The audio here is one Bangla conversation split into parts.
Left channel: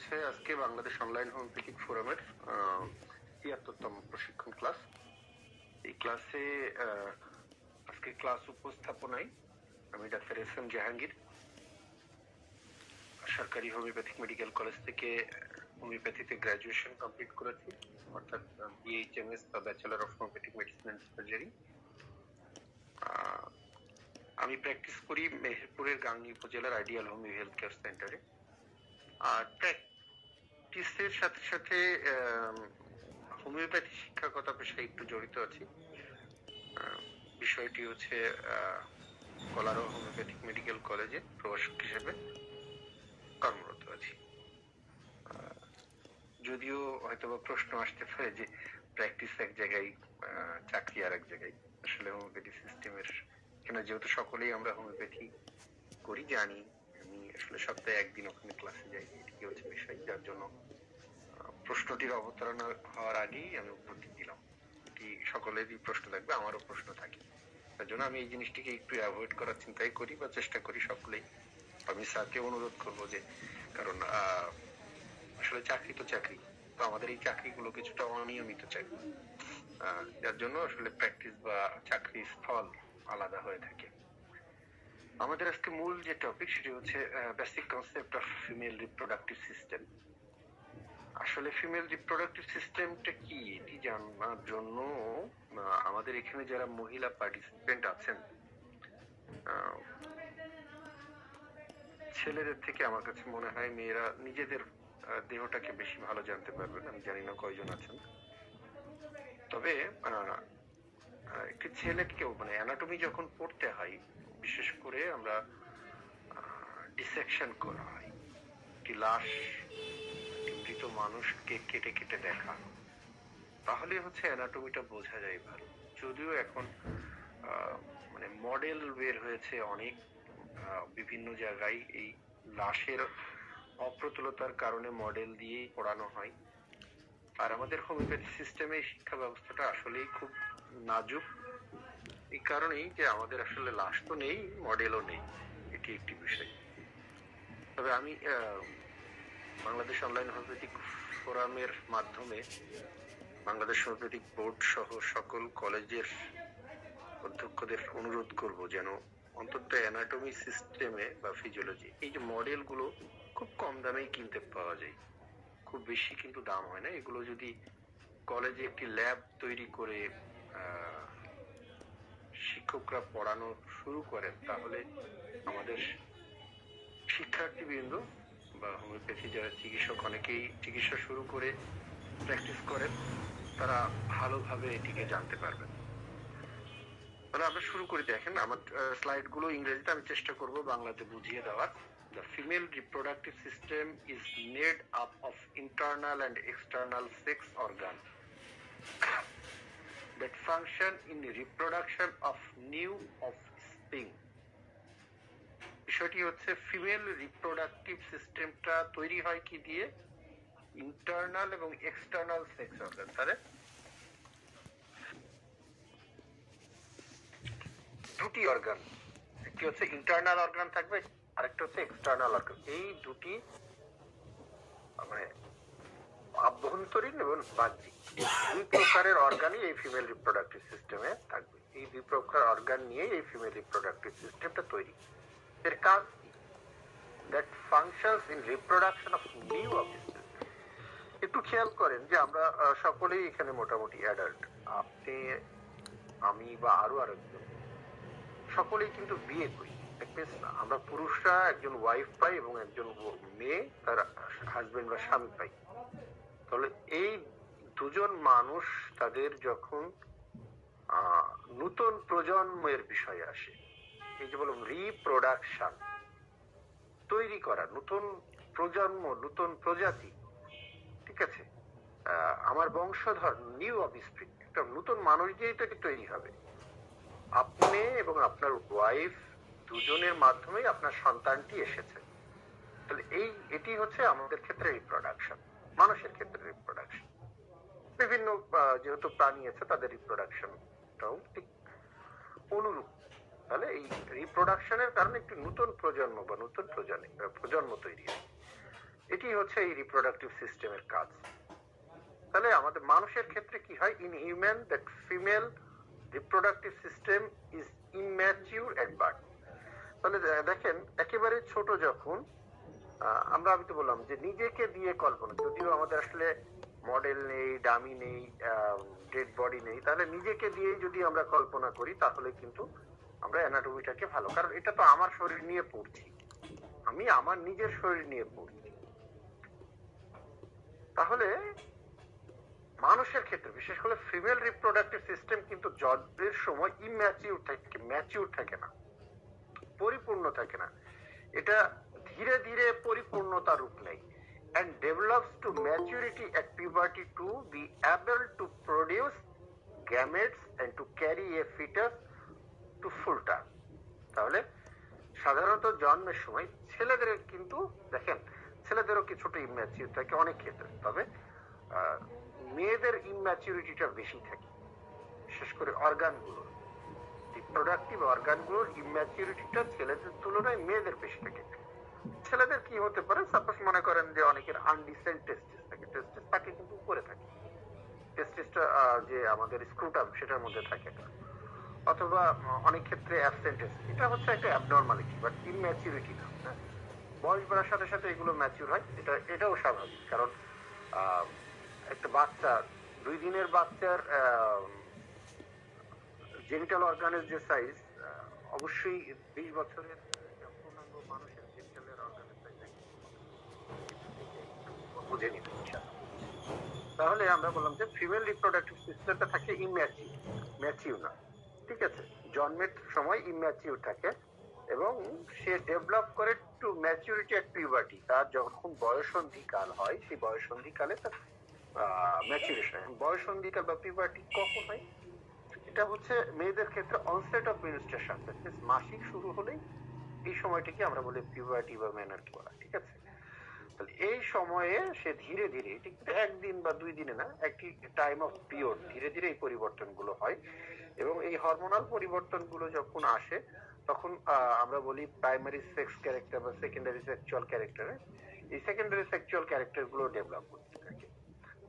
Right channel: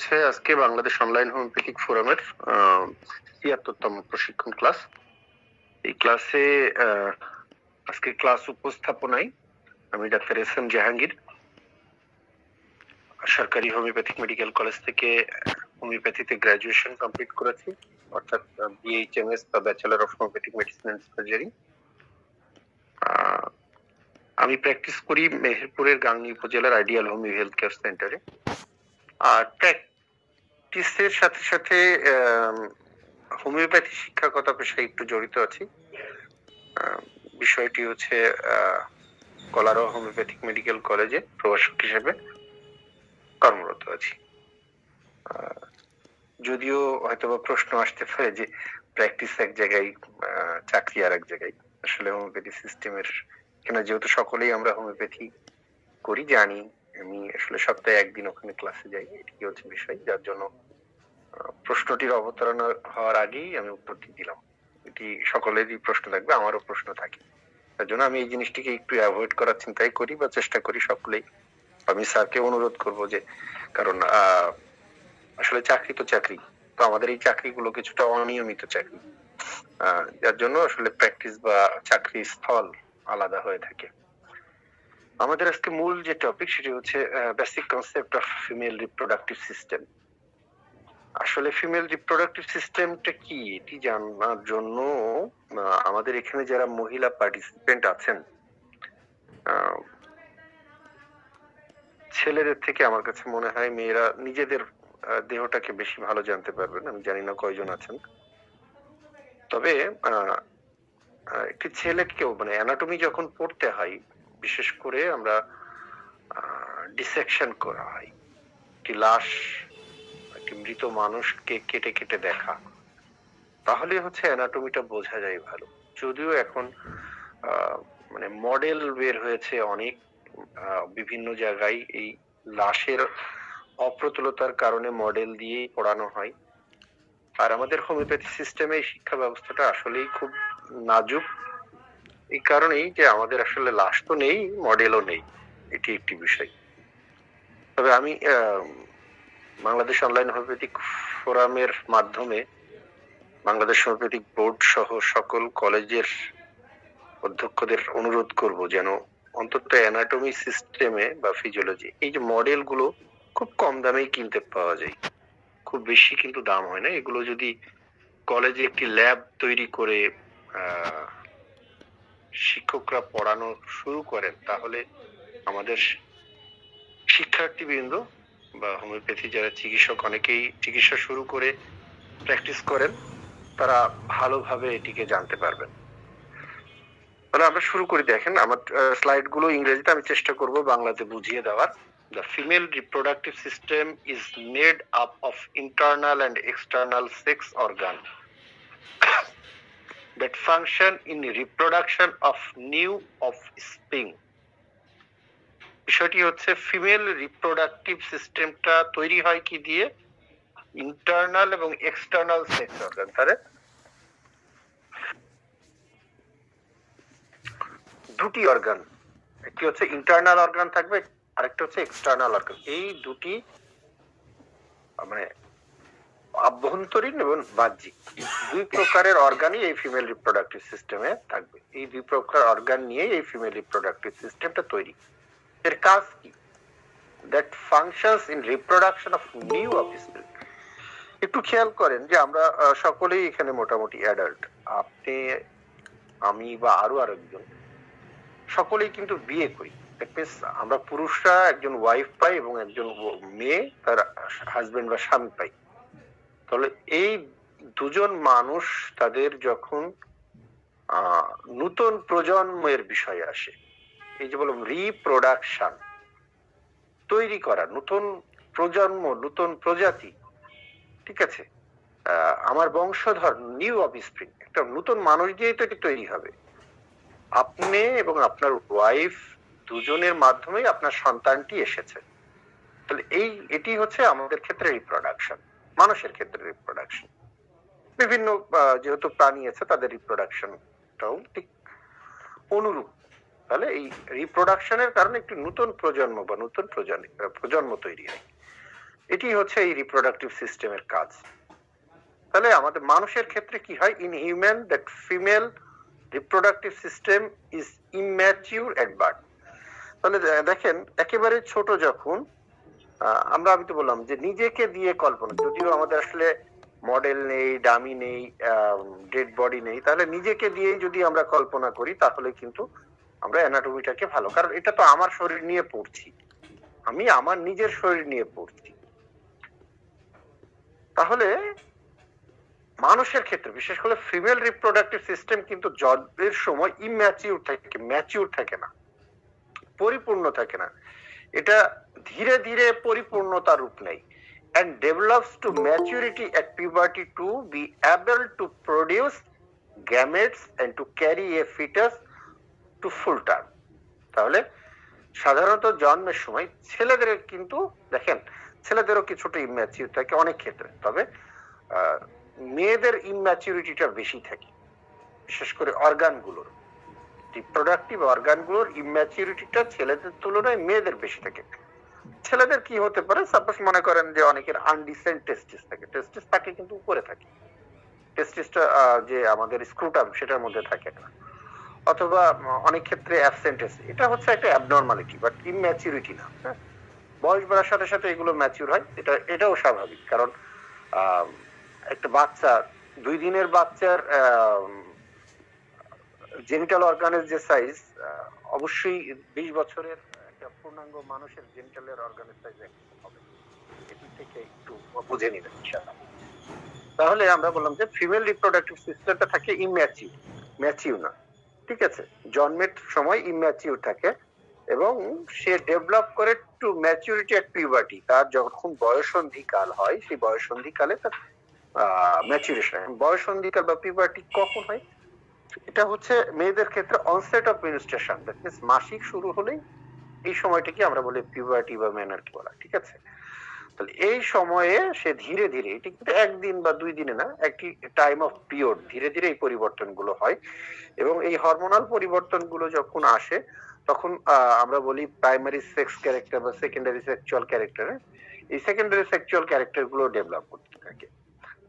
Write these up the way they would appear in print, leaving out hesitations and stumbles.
হচ্ছে আজকে বাংলাদেশ অনলাইন হোমিওপ্যাথিক ফোরামের ৭৩তম প্রশিক্ষণ ক্লাস। এই ক্লাসে আজকে ক্লাস উপস্থাপনায় আমি ডাক্তার এস এম জাহাঙ্গীর, সরকারি হোমিওপ্যাথিক মেডিকেল কলেজ থেকে হোমিওপ্যাথিতে গ্রাজুয়েশন কমপ্লিট করেছি, অর্থাৎ বিএইচএমএস বা bachelor of homeopathic medicine and surgery. আমি প্র্যাকটিস করি মেহেরপুরের গাংনী উপজেলার আইডিয়াল হোমিও হেলথ কেয়ার সেন্টারে। আর প্র্যাকটিসের সাথে সাথে হোমিওপ্যাথি শিক্ষাগত পেশায় একটু জড়িত আছি। বিষয়টি হচ্ছে কলারো হোমিওপ্যাথিক মেডিকেল কলেজে প্রভাষক হিসেবে কর্মরত আছি। যদিও হয়তোবা প্রশ্ন আসতে পারে যে প্র্যাকটিস এক জায়গায়, চাকরি আর এক জায়গায়। আসলে হোমিওপ্যাথি সিস্টেমের এখানে যেহেতু সকলেই আমরা হোমিওপ্যাথি করি, জানি আমি আসলে সপ্তাহে একদিন ওখানে ক্লাসে যাই, এটি হচ্ছে বিষয়, যার জন্য প্রশ্নটির অবতারণা হওয়ার আগেই আমি উত্তরটি দিলাম। এটি সকলেরই প্রশ্ন থাকবে, আমারও প্রশ্ন থাকে, তার জন্য আমি এই জিনিসটিকে একটু অ্যাভয়েড করার চিন্তাই করি বা চেষ্টা করি সকলেই। আমি স্যারকে অনুরোধ করব যে, কারণ আসলে চাকরি তো চাকরি, তো আমাদের এই চাকরিগুলো কিছুটা অনিয়মিত চাকরি, যার জন্য আসলে প্র্যাকটিস বা চাকরি স্থল আলাদা হয়ে থাকে। আমাদের আজকে মূল যে টপিক সেটি হচ্ছে basic concept of female reproductive system. আসলে ফিমেল রিপ্রোডাক্টিভ সিস্টেমটা কি এটি জানার জন্য আমাদের এখানে যারা মহিলা পার্টিসিপেন্ট আছেন, ছেলেদের থেকে আমার কাছে মনে হয় মেয়েরা নিজেদের দেহটাকে বেশি ভালো জানতে পারবেন। আমি জানি না কয়জন আছেন, তবে একটি ছেলেকেও মানে অ্যানাটমি যখন পড়তে হয়, বিশেষ করে আমরা ডিসেকশন করা হয়, একটি লাশ, একটি মৃত মানুষকে কেটে কেটে দেখা, তাহলে হচ্ছে অ্যানাটমিটা বোঝা যায় ভালো। যদিও এখন মানে মডেল বের হয়েছে অনেক, বিভিন্ন জায়গায় এই লাশের অপ্রতুলতার কারণে মডেল দিয়ে পড়ানো হয়। আর আমাদের হোমিওপ্যাথি সিস্টেমে এই শিক্ষা ব্যবস্থাটা আসলেই খুব নাজুক, এই কারণেই যে আমাদের আসলে লাশ তো নেই, মডেলও নেই, এটি একটি বিষয়। তবে আমি বাংলাদেশ অনলাইন হোমিওপ্যাথিক ফোরামের মাধ্যমে বাংলাদেশ হোমিওপ্যাথিক বোর্ড সহ সকল কলেজের অধ্যক্ষদের অনুরোধ করব যেন অন্তত অ্যানাটমি সিস্টেমে বা ফিজিওলজি এই যে মডেল গুলো খুব কম দামেই কিনতে পাওয়া যায়, খুব বেশি কিন্তু দাম হয় না। এগুলো যদি কলেজে একটি ল্যাব তৈরি করে শিক্ষকরা পড়ানো শুরু করেন, তাহলে আমাদের শিক্ষার্থীবৃন্দ বা হোমিওপ্যাথি যারা চিকিৎসক, অনেকেই চিকিৎসা শুরু করে প্র্যাকটিস করেন, তারা ভালোভাবে এটিকে জানতে পারবেন। তাহলে আমরা শুরু করি। দেখেন আমার স্লাইড গুলো ইংরেজিতে, আমি চেষ্টা করব বাংলাতে বুঝিয়ে দেওয়ার। The female reproductive system is made up of internal and external sex organs that function in reproduction of new offspring. বিষয়টি হচ্ছে ফিমেল রিপ্রোডাক্টিভ সিস্টেমটা তৈরি হয় কি দিয়ে? ইন্টারনাল এবং এক্সটার্নাল সেক্স অর্গান। তাহলে দুটি অর্গান, একটি হচ্ছে ইন্টারনাল অর্গান থাকবে, আরেকটা হচ্ছে এক্সটার্নাল অর্গান। এই দুটি মানে আভ্যন্তরীণ এবং বাহ্যিক দুই প্রকারের অর্গানই এই ফিমেল রিপ্রোডাক্টিভ সিস্টেমে থাকবে। এই দুই প্রকার অর্গান নিয়ে এই ফিমেল রিপ্রোডাক্টিভ সিস্টেমটা তৈরি। এর কাজ কি? That functions in reproduction of new offspring. একটু খেয়াল করেন যে আমরা সকলেই এখানে মোটামুটি অ্যাডাল্ট, আপনি, আমি বা আরো আরেকজন, সকলেই কিন্তু বিয়ে করি। আমরা পুরুষরা একজন ওয়াইফ পাই এবং একজন মেয়ে তার হাজবেন্ড বা স্বামী পাই। তাহলে এই দুজন মানুষ তাদের যখন নতুন প্রজন্মের বিষয় আসে, এই যে বললাম রিপ্রোডাকশন, তৈরি করা নতুন প্রজন্ম, নতুন প্রজাতি, ঠিক আছে, আমার বংশধর, নিউ অফস্প্রিং, একটা নতুন মানুষ দিয়েই তো এটি তৈরি হবে। আপনি এবং আপনার ওয়াইফ দুজনের মাধ্যমেই আপনার সন্তানটি এসেছে। তাহলে এটি হচ্ছে আমাদের ক্ষেত্রে রিপ্রোডাকশন, মানুষের ক্ষেত্রে রিপ্রোডাকশন। বিভিন্ন যেহেতু প্রাণী আছে তাদের রিপ্রোডাকশনটাও ঠিক অনুরূপ। তাহলে এই রিপ্রোডাকশনের কারণে একটি নতুন প্রজন্ম বা নতুন প্রজন্ম তৈরি হয়। এটি হচ্ছে এই রিপ্রোডাক্টিভ সিস্টেমের কাজ। তাহলে আমাদের মানুষের ক্ষেত্রে কি হয়, in human that female reproductive system is immature at birth. তাহলে দেখেন একেবারে ছোট যখন আমি তো বললাম যে নিজেকে দিয়ে কল্পনা, যদিও আমাদের আসলে মডেল নেই, ডামি নেই, ডেড বডি নেই, তাহলে নিজেকে দিয়ে যদি আমরা কল্পনা করি তাহলে কিন্তু আমরা অ্যানাটমিটাকে ভালো, কারণ এটা তো আমার শরীর নিয়ে পড়ছি, আমি আমার নিজের শরীর নিয়ে পড়ছি। তাহলে মানুষের ক্ষেত্রে বিশেষ করে ফিমেল রিপ্রোডাক্টিভ সিস্টেম কিন্তু জন্মের সময় ইম্যাচিউর থাকে, ম্যাচিউর থাকে না, পরিপূর্ণ থাকে না। এটা ধীরে ধীরে পরিপূর্ণতার রূপ নেয় and develops to maturity at puberty to be able to produce gametes and to carry a fetus to full term. তাহলে সাধারণত জন্মের সময় ছেলেদের কিন্তু দেখেন ছেলেদেরও কিছুটা ইম্যাচিউর থাকে অনেক ক্ষেত্রে, তবে মেয়েদের ইম্যাচিউরিটিটা বেশি থাকে, বিশেষ করে অর্গানগুলোর, রিপ্রোডাক্টিভ অর্গানগুলোর ইম্যাচিউরিটিটা ছেলেদের তুলনায় মেয়েদের বেশি থাকে। ছেলেদের কি হতে পারে, সাপোজ মনে করেন যে অনেকের আনডিসেন্ট টেস্টিস থাকে, টেস্টিস থাকে কিন্তু উপরে থাকে, টেস্টিসটা যে আমাদের স্ক্রুটাম সেটার মধ্যে থাকে না, অথবা অনেক ক্ষেত্রে অ্যাবসেন্টেস, এটা হচ্ছে একটা অ্যাবনরমালিটি বাট ইম্যাচিউরিটি না। বয়স বাড়ার সাথে সাথে এগুলো ম্যাচিউর হয়, এটাও স্বাভাবিক, কারণ একটা বাচ্চা 2 দিনের বাচ্চার জেনিটাল অর্গানের যে সাইজ অবশ্যই 20 বছরের একটা পূর্ণাঙ্গ মানুষের জেনিটালের অর্গানের সাইজ থেকে একটু বুঝে নিবেন ইনশাআল্লাহ। তাহলে আমরা বললাম যে ফিমেল রিপ্রোডাক্টিভ সিস্টেমটা থাকে ইম্যাচিউর, ম্যাচিউর না, ঠিক আছে, জন্মের সময় ইম্যাচিউর থাকে এবং সে ডেভেলপ করে টু ম্যাচুরিটি এট পিউবার্টি, তার যখন বয়ঃসন্ধিকাল হয় সেই বয়ঃসন্ধিকালে তার ম্যাচুরেশন। বয়ঃসন্ধিকাল বা পিউবার্টি কখন হয়, এটা হচ্ছে মেয়েদের ক্ষেত্রে onset of menstruation, that means মাসিক শুরু হলেই এই সময়টাকে আমরা বলি পিউবার্টি বা মেনার্কি বলা, ঠিক আছে। তাহলে এই সময়ে সে ধীরে ধীরে, এটি কিন্তু একদিন বা 2 দিনে না, একটি টাইম অফ পিরিয়ড, ধীরে ধীরে এই পরিবর্তনগুলো হয় এবং এই হরমোনাল পরিবর্তনগুলো যখন আসে তখন আমরা বলি প্রাইমারি সেক্স ক্যারেক্টার বা সেকেন্ডারি সেক্সুয়াল ক্যারেক্টার, এই সেকেন্ডারি সেক্সুয়াল ক্যারেক্টার গুলো ডেভেলপ করতে থাকে।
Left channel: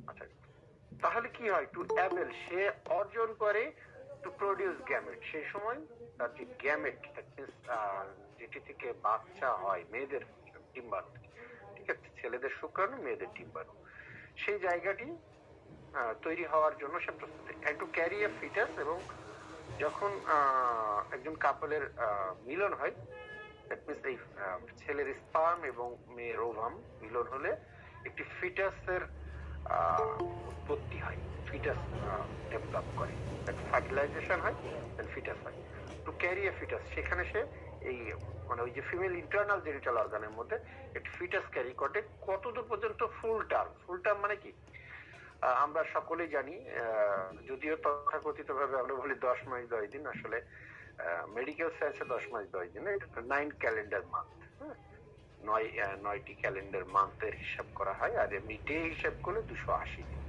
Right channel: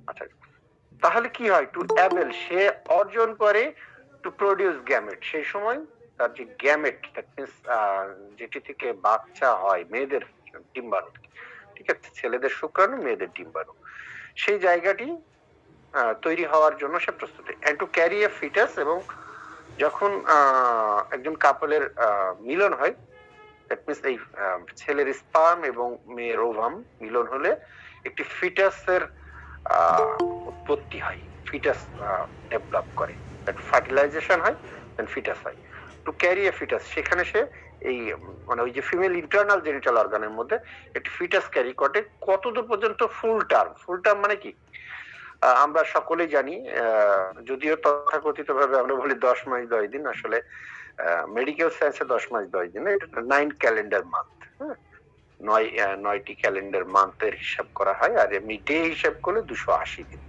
আচ্ছা, তাহলে কি হয়, টু অ্যাবেল সে অর্জন করে টু প্রডিউস গ্যামেট, সেই সময় তার যে গ্যামেট, দ্যাট মিন্স যেটি থেকে বাচ্চা হয়, মেয়েদের ডিম্বাণু, ঠিক আছে, ছেলেদের শুক্রাণু মেয়েদের ডিম্বাণু, সেই জায়গাটি তৈরি হওয়ার জন্য সে প্রস্তুত, and to carry a foetus, এবং যখন একজন কাপলের মিলন হয়, দ্যাট মিন্স এই ছেলের স্পার্ম এবং মেয়ের ওভাম মিলন হলে একটি ফিটাসের উৎপত্তি হয়, ফিটাস ডেভেলপ করে, ফার্টিলাইজেশন হয়, দেন ফিটাস হয়। টু ক্যারি এ ফিটাস, সেখানে সে এই মানে ওই যে ফিমেল ইন্টারনাল জেনিটাল অর্গানের মধ্যে একটি ফিটাস ক্যারি করে কতদূর পর্যন্ত, ফুল টার্ম। ফুল টার্ম মানে কি, আমরা সকলেই জানি, যদিও তথাকথিত ভাবে আমরা বলি 10 মাস 10 দিন, আসলে মেডিকেল সায়েন্সে 10 মাস 10 দিন, এটা 9 ক্যালেন্ডার মান্থ, 9টি ক্যালেন্ডার মান্থের হিসাব করা হয়, আর এমনি ডে হিসাব করলে 280 দিন,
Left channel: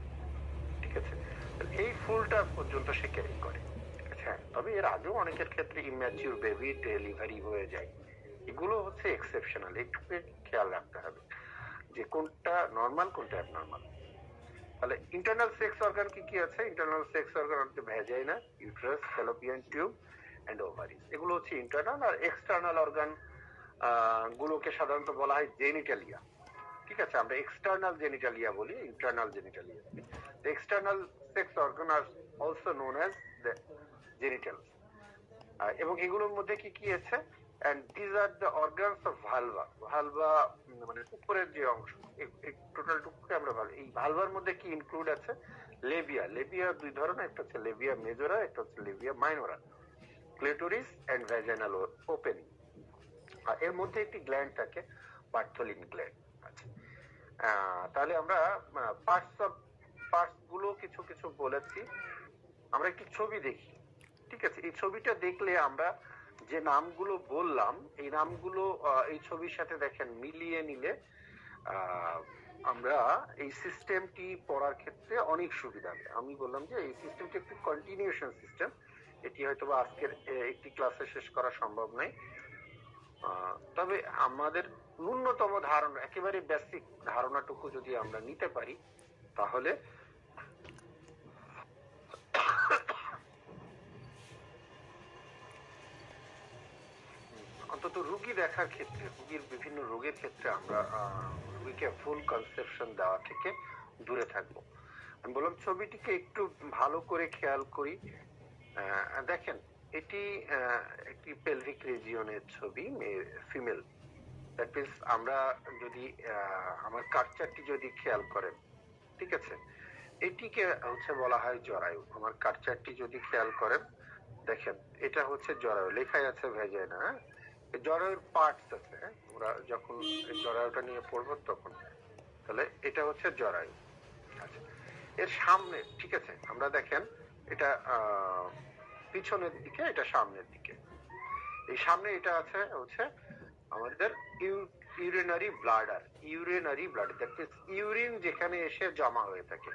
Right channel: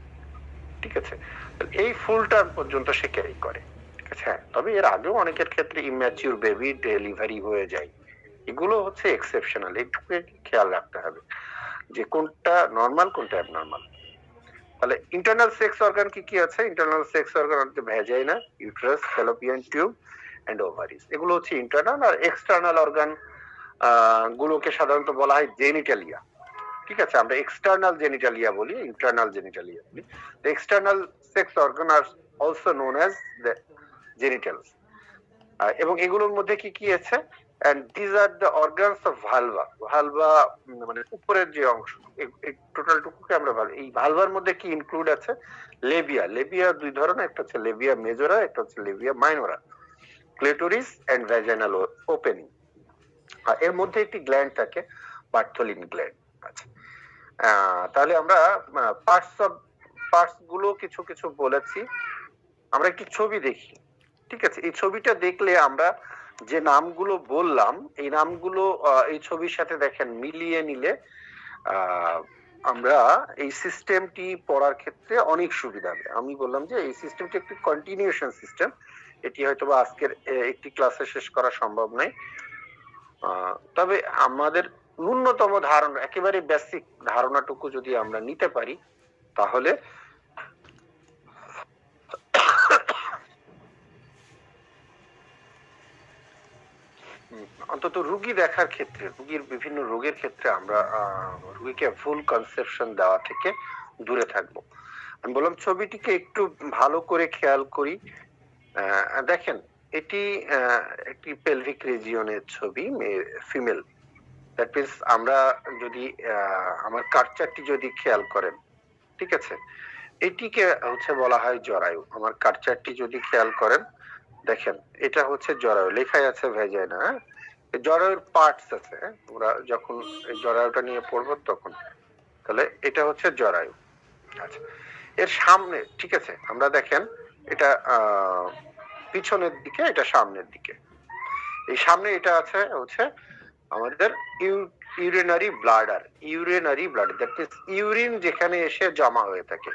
ঠিক আছে। এই ফুল টার্ম পর্যন্ত সে ক্যারি করে, ঠিক আছে। তবে এর আগেও অনেকের ক্ষেত্রে ইম্যাচিউর বেবি ডেলিভারি হয়ে যায়, এগুলো হচ্ছে এক্সেপশনাল, একটু খেয়াল রাখতে হবে যে কোনটা নরমাল কোনটা অ্যাবনরমাল। তাহলে ইন্টারনাল সেক্স অর্গান কি কি আছে, ইন্টারনাল সেক্স অর্গান হচ্ছে vagina, uterus, fallopian tube and ovaries, এগুলো হচ্ছে ইন্টারনাল। আর এক্সটার্নাল অর্গান গুলোকে সাধারণত বলা হয় জেনিটালিয়া, ঠিক আছে, আমরা এক্সটার্নাল জেনিটালিয়া বলি, ইন্টারনাল জেনিটালিয়া বলি। এক্সটার্নাল সেক্স অর্গান আর also known as the genitals, এবং এগুলোর মধ্যে কি কি আছে, and these are the organs of vulva. Vulva মানে উপরের যে অংশ, এই টোটাল টুকুকে আমরা ভালভা, এই ভালভার মধ্যে কি ইনক্লুড আছে, লেবিয়া, লেবিয়া 2 ধরনের, একটা হচ্ছে লেবিয়া মেজরা, একটা হচ্ছে labia minora, clitoris and vaginal opening, আর এর মধ্যে একটি গ্ল্যান্ড থাকে, বার্থোলিন গ্ল্যান্ড। আচ্ছা, তাহলে আমরা পার্টস গুলো কিছু কিছু বলেছি, আমরা একটি ছবি দেখি, ঠিক আছে, এই ছবিটা দেখলে আমরা যে নামগুলো বললাম এই নামগুলো এই ছবির সাথে দেখেন মিলিয়ে নিলে আমরা এই সিস্টেমটি পড়ার ক্ষেত্রে অনেক সুবিধা হবে। আমি বললাম যে এই সিস্টেমটি একটি কন্টিনিউশন সিস্টেম, এটি হয়তো বা আজকের একটি ক্লাসে শেষ করা সম্ভব নয়, তবে আমাদের ন্যূনতম ধারণা, একেবারে বেসিক ধারণাটুকু যদি আমরা নিতে পারি তাহলে অন্তত রুগী দেখার ক্ষেত্রে, রুগীর বিভিন্ন রোগের ক্ষেত্রে আমরা রুগীকে ভুল কনসেপশন দেওয়া থেকে দূরে থাকবো। আমি বললাম ছবিটিকে একটু ভালো করে খেয়াল করি। দেখেন এটি একটি পেলভিক রিজিয়নের ছবি, ফিমেল। দ্যাট মিনস আমরা যদি আমার কালচারটি যদি খেয়াল করেন, ঠিক আছে, এটিকে হচ্ছে বলা হয় জরায়ু। আমার কালচারটি যদি খেয়াল করেন, দেখেন এটা হচ্ছে জরায়ু, লেখাই আছে ভেজাইনা। জরায়ুর পার্টস আছে, আমরা যখন জরায়ুটা নিয়ে পড়বো তখন। তাহলে এটা হচ্ছে জরায়ু। আচ্ছা, এর সামনে, ঠিক আছে, আমরা দেখেন এটা পিছনের দিকে, এটা সামনের দিকে। এই সামনে এটা আছে হচ্ছে আমাদের urinary bladder. Urinary bladder that means urine যেখানে এসে জমা হয়ে থাকে,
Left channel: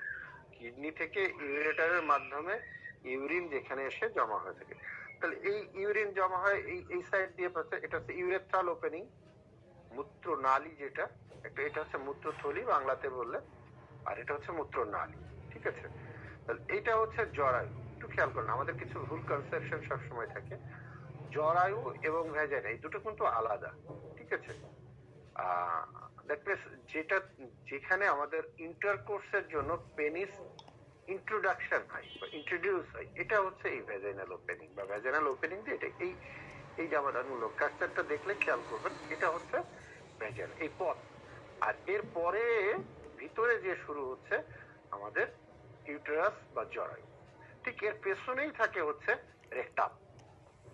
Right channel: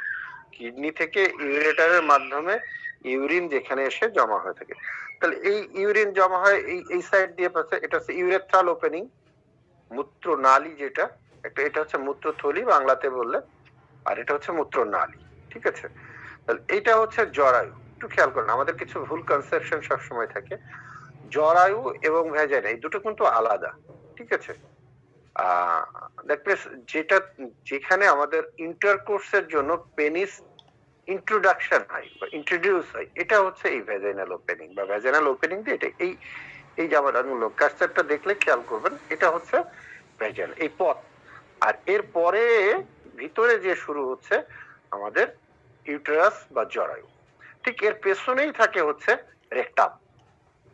কিডনি থেকে ইউরেটারের মাধ্যমে ইউরিন যেখানে এসে জমা হয়ে থাকে। তাহলে এই ইউরিন জমা হয় এই সাইড দিয়ে পাচ্ছে, এটা হচ্ছে ইউরেথ্রাল ওপেনিং, মূত্র নালী যেটা, একটা এটা হচ্ছে মূত্রথলি বাংলাতে বললে, আর এটা হচ্ছে মূত্র নালী, ঠিক আছে। তাহলে এটা হচ্ছে জরায়ু। একটু খেয়াল করেন, আমাদের কিছু ভুল কনসেপশন সবসময় থাকে। জরায়ু এবং ভ্যাজাইনা এই দুটো কিন্তু আলাদা, ঠিক আছে। দ্যাট মিন্স যেটা, যেখানে আমাদের ইন্টারকোর্সের জন্য পেনিস ইন্ট্রোডাকশন হয় বা ইন্ট্রোডিউস হয়, এটা হচ্ছে এই ভ্যাজাইনাল ওপেনিং বা ভ্যাজাইনাল ওপেনিং দিয়ে এটা এই জামাটাগুলো কাস্টারটা দেখলে খেয়াল করবেন, এটা হচ্ছে ভ্যাজাইন, এই পথ। আর এর পরে ভিতরে যে শুরু হচ্ছে আমাদের ইউটেরাস বা জরায়ু, ঠিক এর পেছনেই থাকে হচ্ছে রেকটাম।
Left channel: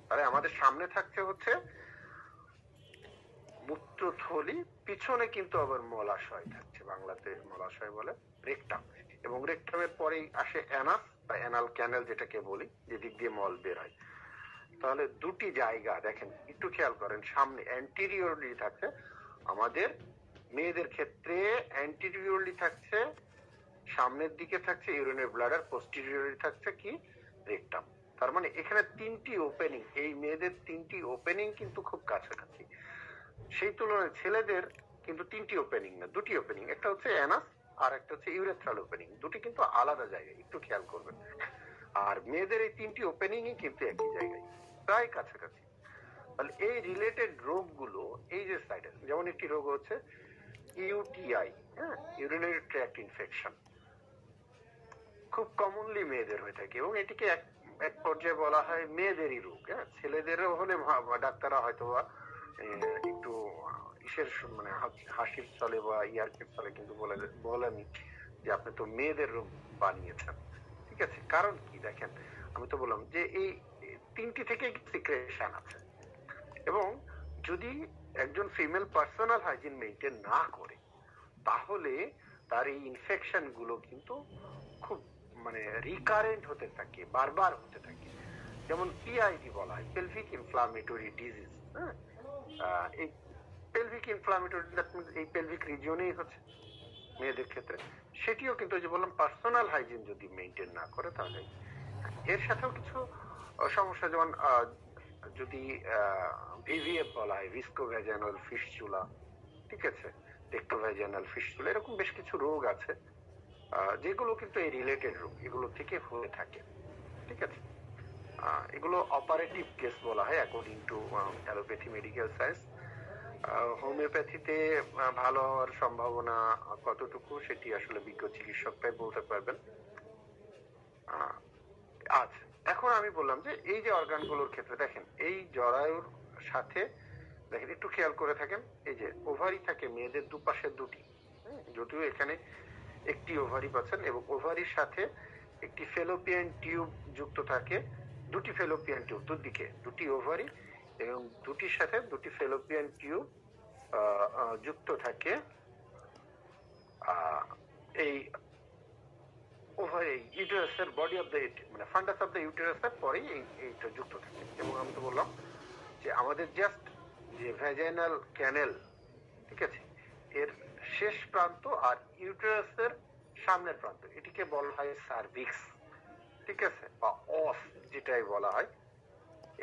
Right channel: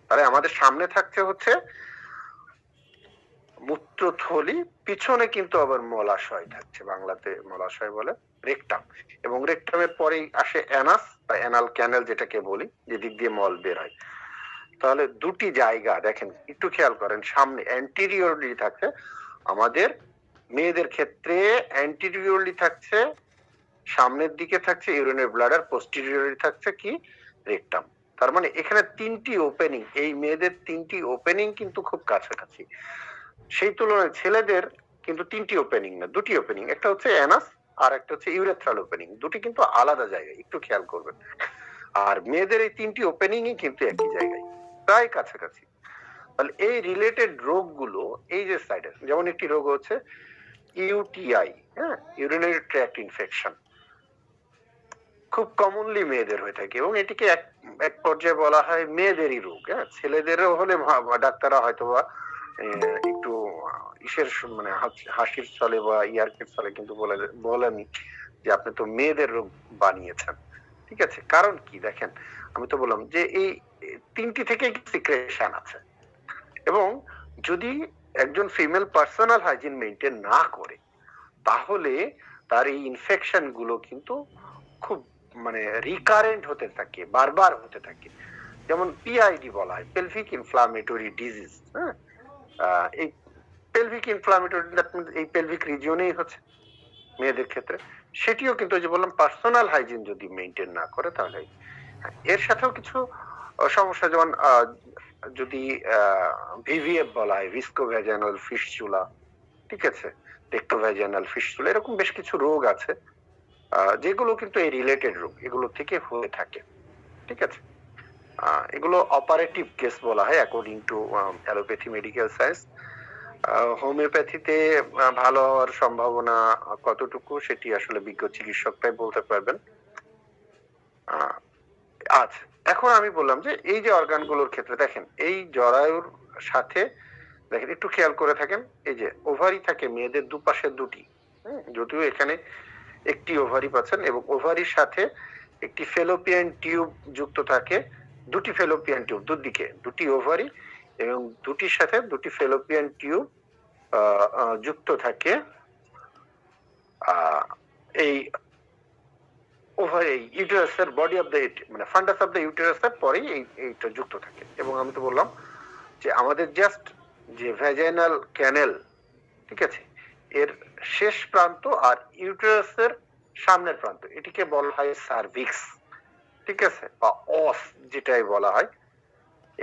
তাহলে আমাদের সামনে থাকছে হচ্ছে মূত্রথলি, পিছনে কিন্তু আবার মলাশয় থাকছে, বাংলাতে মলাশয় বলে, রেকটাম। এবং রেকটামের পরেই আসে অ্যানাস বা অ্যানাল ক্যানেল যেটাকে বলি, যেদিক দিয়ে মল বের হয়। তাহলে দুটি জায়গা দেখেন, একটু খেয়াল করেন, সামনে অ্যান্টিরিয়রলি থাকছে আমাদের মেয়েদের ক্ষেত্রে, অ্যান্টিরিয়রলি থাকছে, সামনের দিকে থাকছে ইউরিনারি ব্লাডার, পোস্টেরিয়রলি থাকছে কি রেকটাম। তার মানে এখানে তিনটি ওপেনিং, এই মেয়েদের তিনটি ওপেনিং কিন্তু খুব কাছাকাছি। সেই তুলনায় ছেলেদের কিন্তু তিনটি ওপেনিং না, দুটি ওপেনিং, একটা হচ্ছে অ্যানাস আর একটা হচ্ছে ইউরেথ্রাল ওপেনিং, দুটি কিন্তু আলাদা জায়গায়, একটু খেয়াল করবেন। আর মেয়েদের এই তিনটি ওপেনিংই কিন্তু একই জায়গায়, প্রায় কাছাকাছি। তাহলে এই রিলেটেড রোগগুলো এই যে সাইডে, যেমন একটি রোগ হচ্ছে ইউটিআই, হ্যাঁ, ইউরিনারি ট্র্যাক্ট ইনফেকশন, খুব কমনলি মেয়েদের হয়ে থাকে এবং এটিকে এক পর্যায়ে বলা হয় মেয়েদেরই রোগ। হ্যাঁ, ছেলেদেরও হলে ডাক্তাররা হয়তো বা একটু ইসের মানে হাসির ছলে বা ইয়ার্কের ছলে কিন্তু বলেনি যে আপনি তো মেয়েদের রোগ বানিয়েছেন, ঠিক আছে। কারণ কি দেখেন, আমি তো বললাম যে এই তিনটি থেকে সিক্রেশন আছে, এবং যদি একজন ফিমেল পার্সোনাল হাইজিন মেইনটেইন না করে তাহলে তার এই ইনফেকশন গুলো কিন্তু খুব মানে রিকারেন্ট হতে থাকে, বারবার হতে থাকে। যেমন পিআইডি বলা হয়, পেলভিক ইনফ্লামেটরি ডিজিজ। হ্যাঁ, এই পেলভিক ইনফ্লামেটরি এই পেলভিক রিজিয়নেই হচ্ছে মেয়েদের ক্ষেত্রে, সেটিও কিন্তু যে বললাম পার্সোনাল হাইজিন যদি মেইনটেইন না করে তাহলে। এর সাথেও কিছু সমস্যা, যেমন যদি ভিভিএফ বলা হয়, ভিস্কোভ্যাজাইনাল ফিস্চুলা, ঠিক আছে, রেক্টোভ্যাজাইনাল ফিস্চুলা, এরকম বেশ কিছু রোগ আছে যেগুলো কিন্তু এই রিলেটেড রোগ, এগুলো থেকে হয়ে থাকে, ঠিক আছে। এগুলো অপারেটিভ কেস বলা হয় according to allopathy medical science. হোমিওপ্যাথিতে ভালো হওয়ার সম্ভাবনা কতটুকু সেটি আসলে বিজ্ঞ চিকিৎসকরাই বলতে পারবেন। আচ্ছা, এখন আমি বললাম যে এই যে অর্গানগুলোর ক্ষেত্রে দেখেন, এই জরায়ুর সাথে দেখেন একটু খেয়াল করে থাকেন, এই যে ওভারি থাকে মেয়েদের দুপাশে দুটি, যদিও এখানে একটি ওভারি পাচ্ছেন, এবং ওভারির সাথে একটি ফেলোপিয়ান টিউব যুক্ত থাকে, দুটি ফেলোপিয়ান টিউব, দুদিকে দুটি ওভারি এবং দুটির সাথে দুটি ফেলোপিয়ান টিউব যুক্ত থাকে এই ওভার এই ইউটেরাসের বডি অফ দ্য মানে ফান্ডাস অফ দ্য ইউটেরাসের পরেই এইটা যুক্ত থাকে। এবং আমি তো বললাম যে আমাদের জাস্ট যে ভ্যাজাইনাল ক্যানেল, ঠিক আছে, এর শেষ প্রান্ত আর ইউটেরাসের সামনের প্রান্ত, এটিকে বলা হয় সার্ভিক্স, ঠিক আছে, বা অস যেটাই বলা হয়।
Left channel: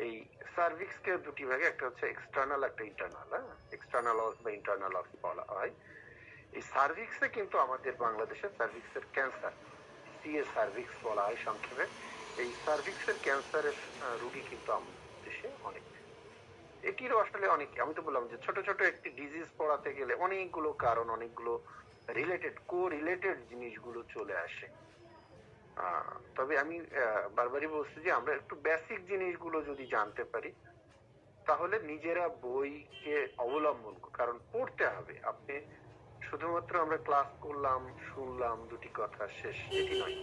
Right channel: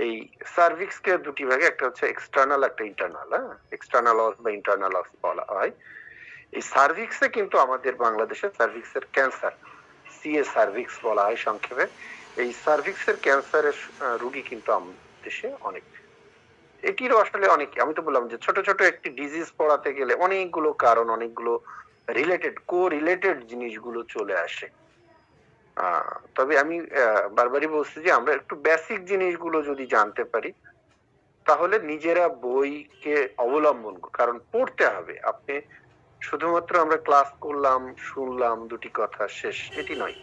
এই সার্ভিক্স কে দুটি ভাগে, একটা হচ্ছে এক্সটার্নাল, একটা ইন্টারনাল। হ্যাঁ, এক্সটার্নাল অস বা ইন্টারনাল অস বলা হয়। এই সার্ভিক্সে কিন্তু আমাদের বাংলাদেশে সার্ভিক্সের ক্যান্সার, সিএ সার্ভিক্স বলা হয় সংক্ষেপে, এই সার্ভিক্সের ক্যান্সারের রোগী কিন্তু আমাদের দেশে অনেক। এটিরও আসলে অনেক, আমি তো বললাম যে ছোট ছোট একটি ডিজিজ পড়াতে গেলে অনেকগুলো কারণ, অনেকগুলো রিলেটেড জিনিসগুলো চলে আসে। তবে আমি বারবারই বলছি যে আমরা একটু বেসিক জিনিসগুলো যদি জানতে পারি, তাহলে নিজেরা বইকে অবলম্বন, কারণ পড়তে হবে। আপনি শুধুমাত্র আমরা ক্লাস করলাম, শুনলাম, দুটি কথা শেষ, এটি নয়।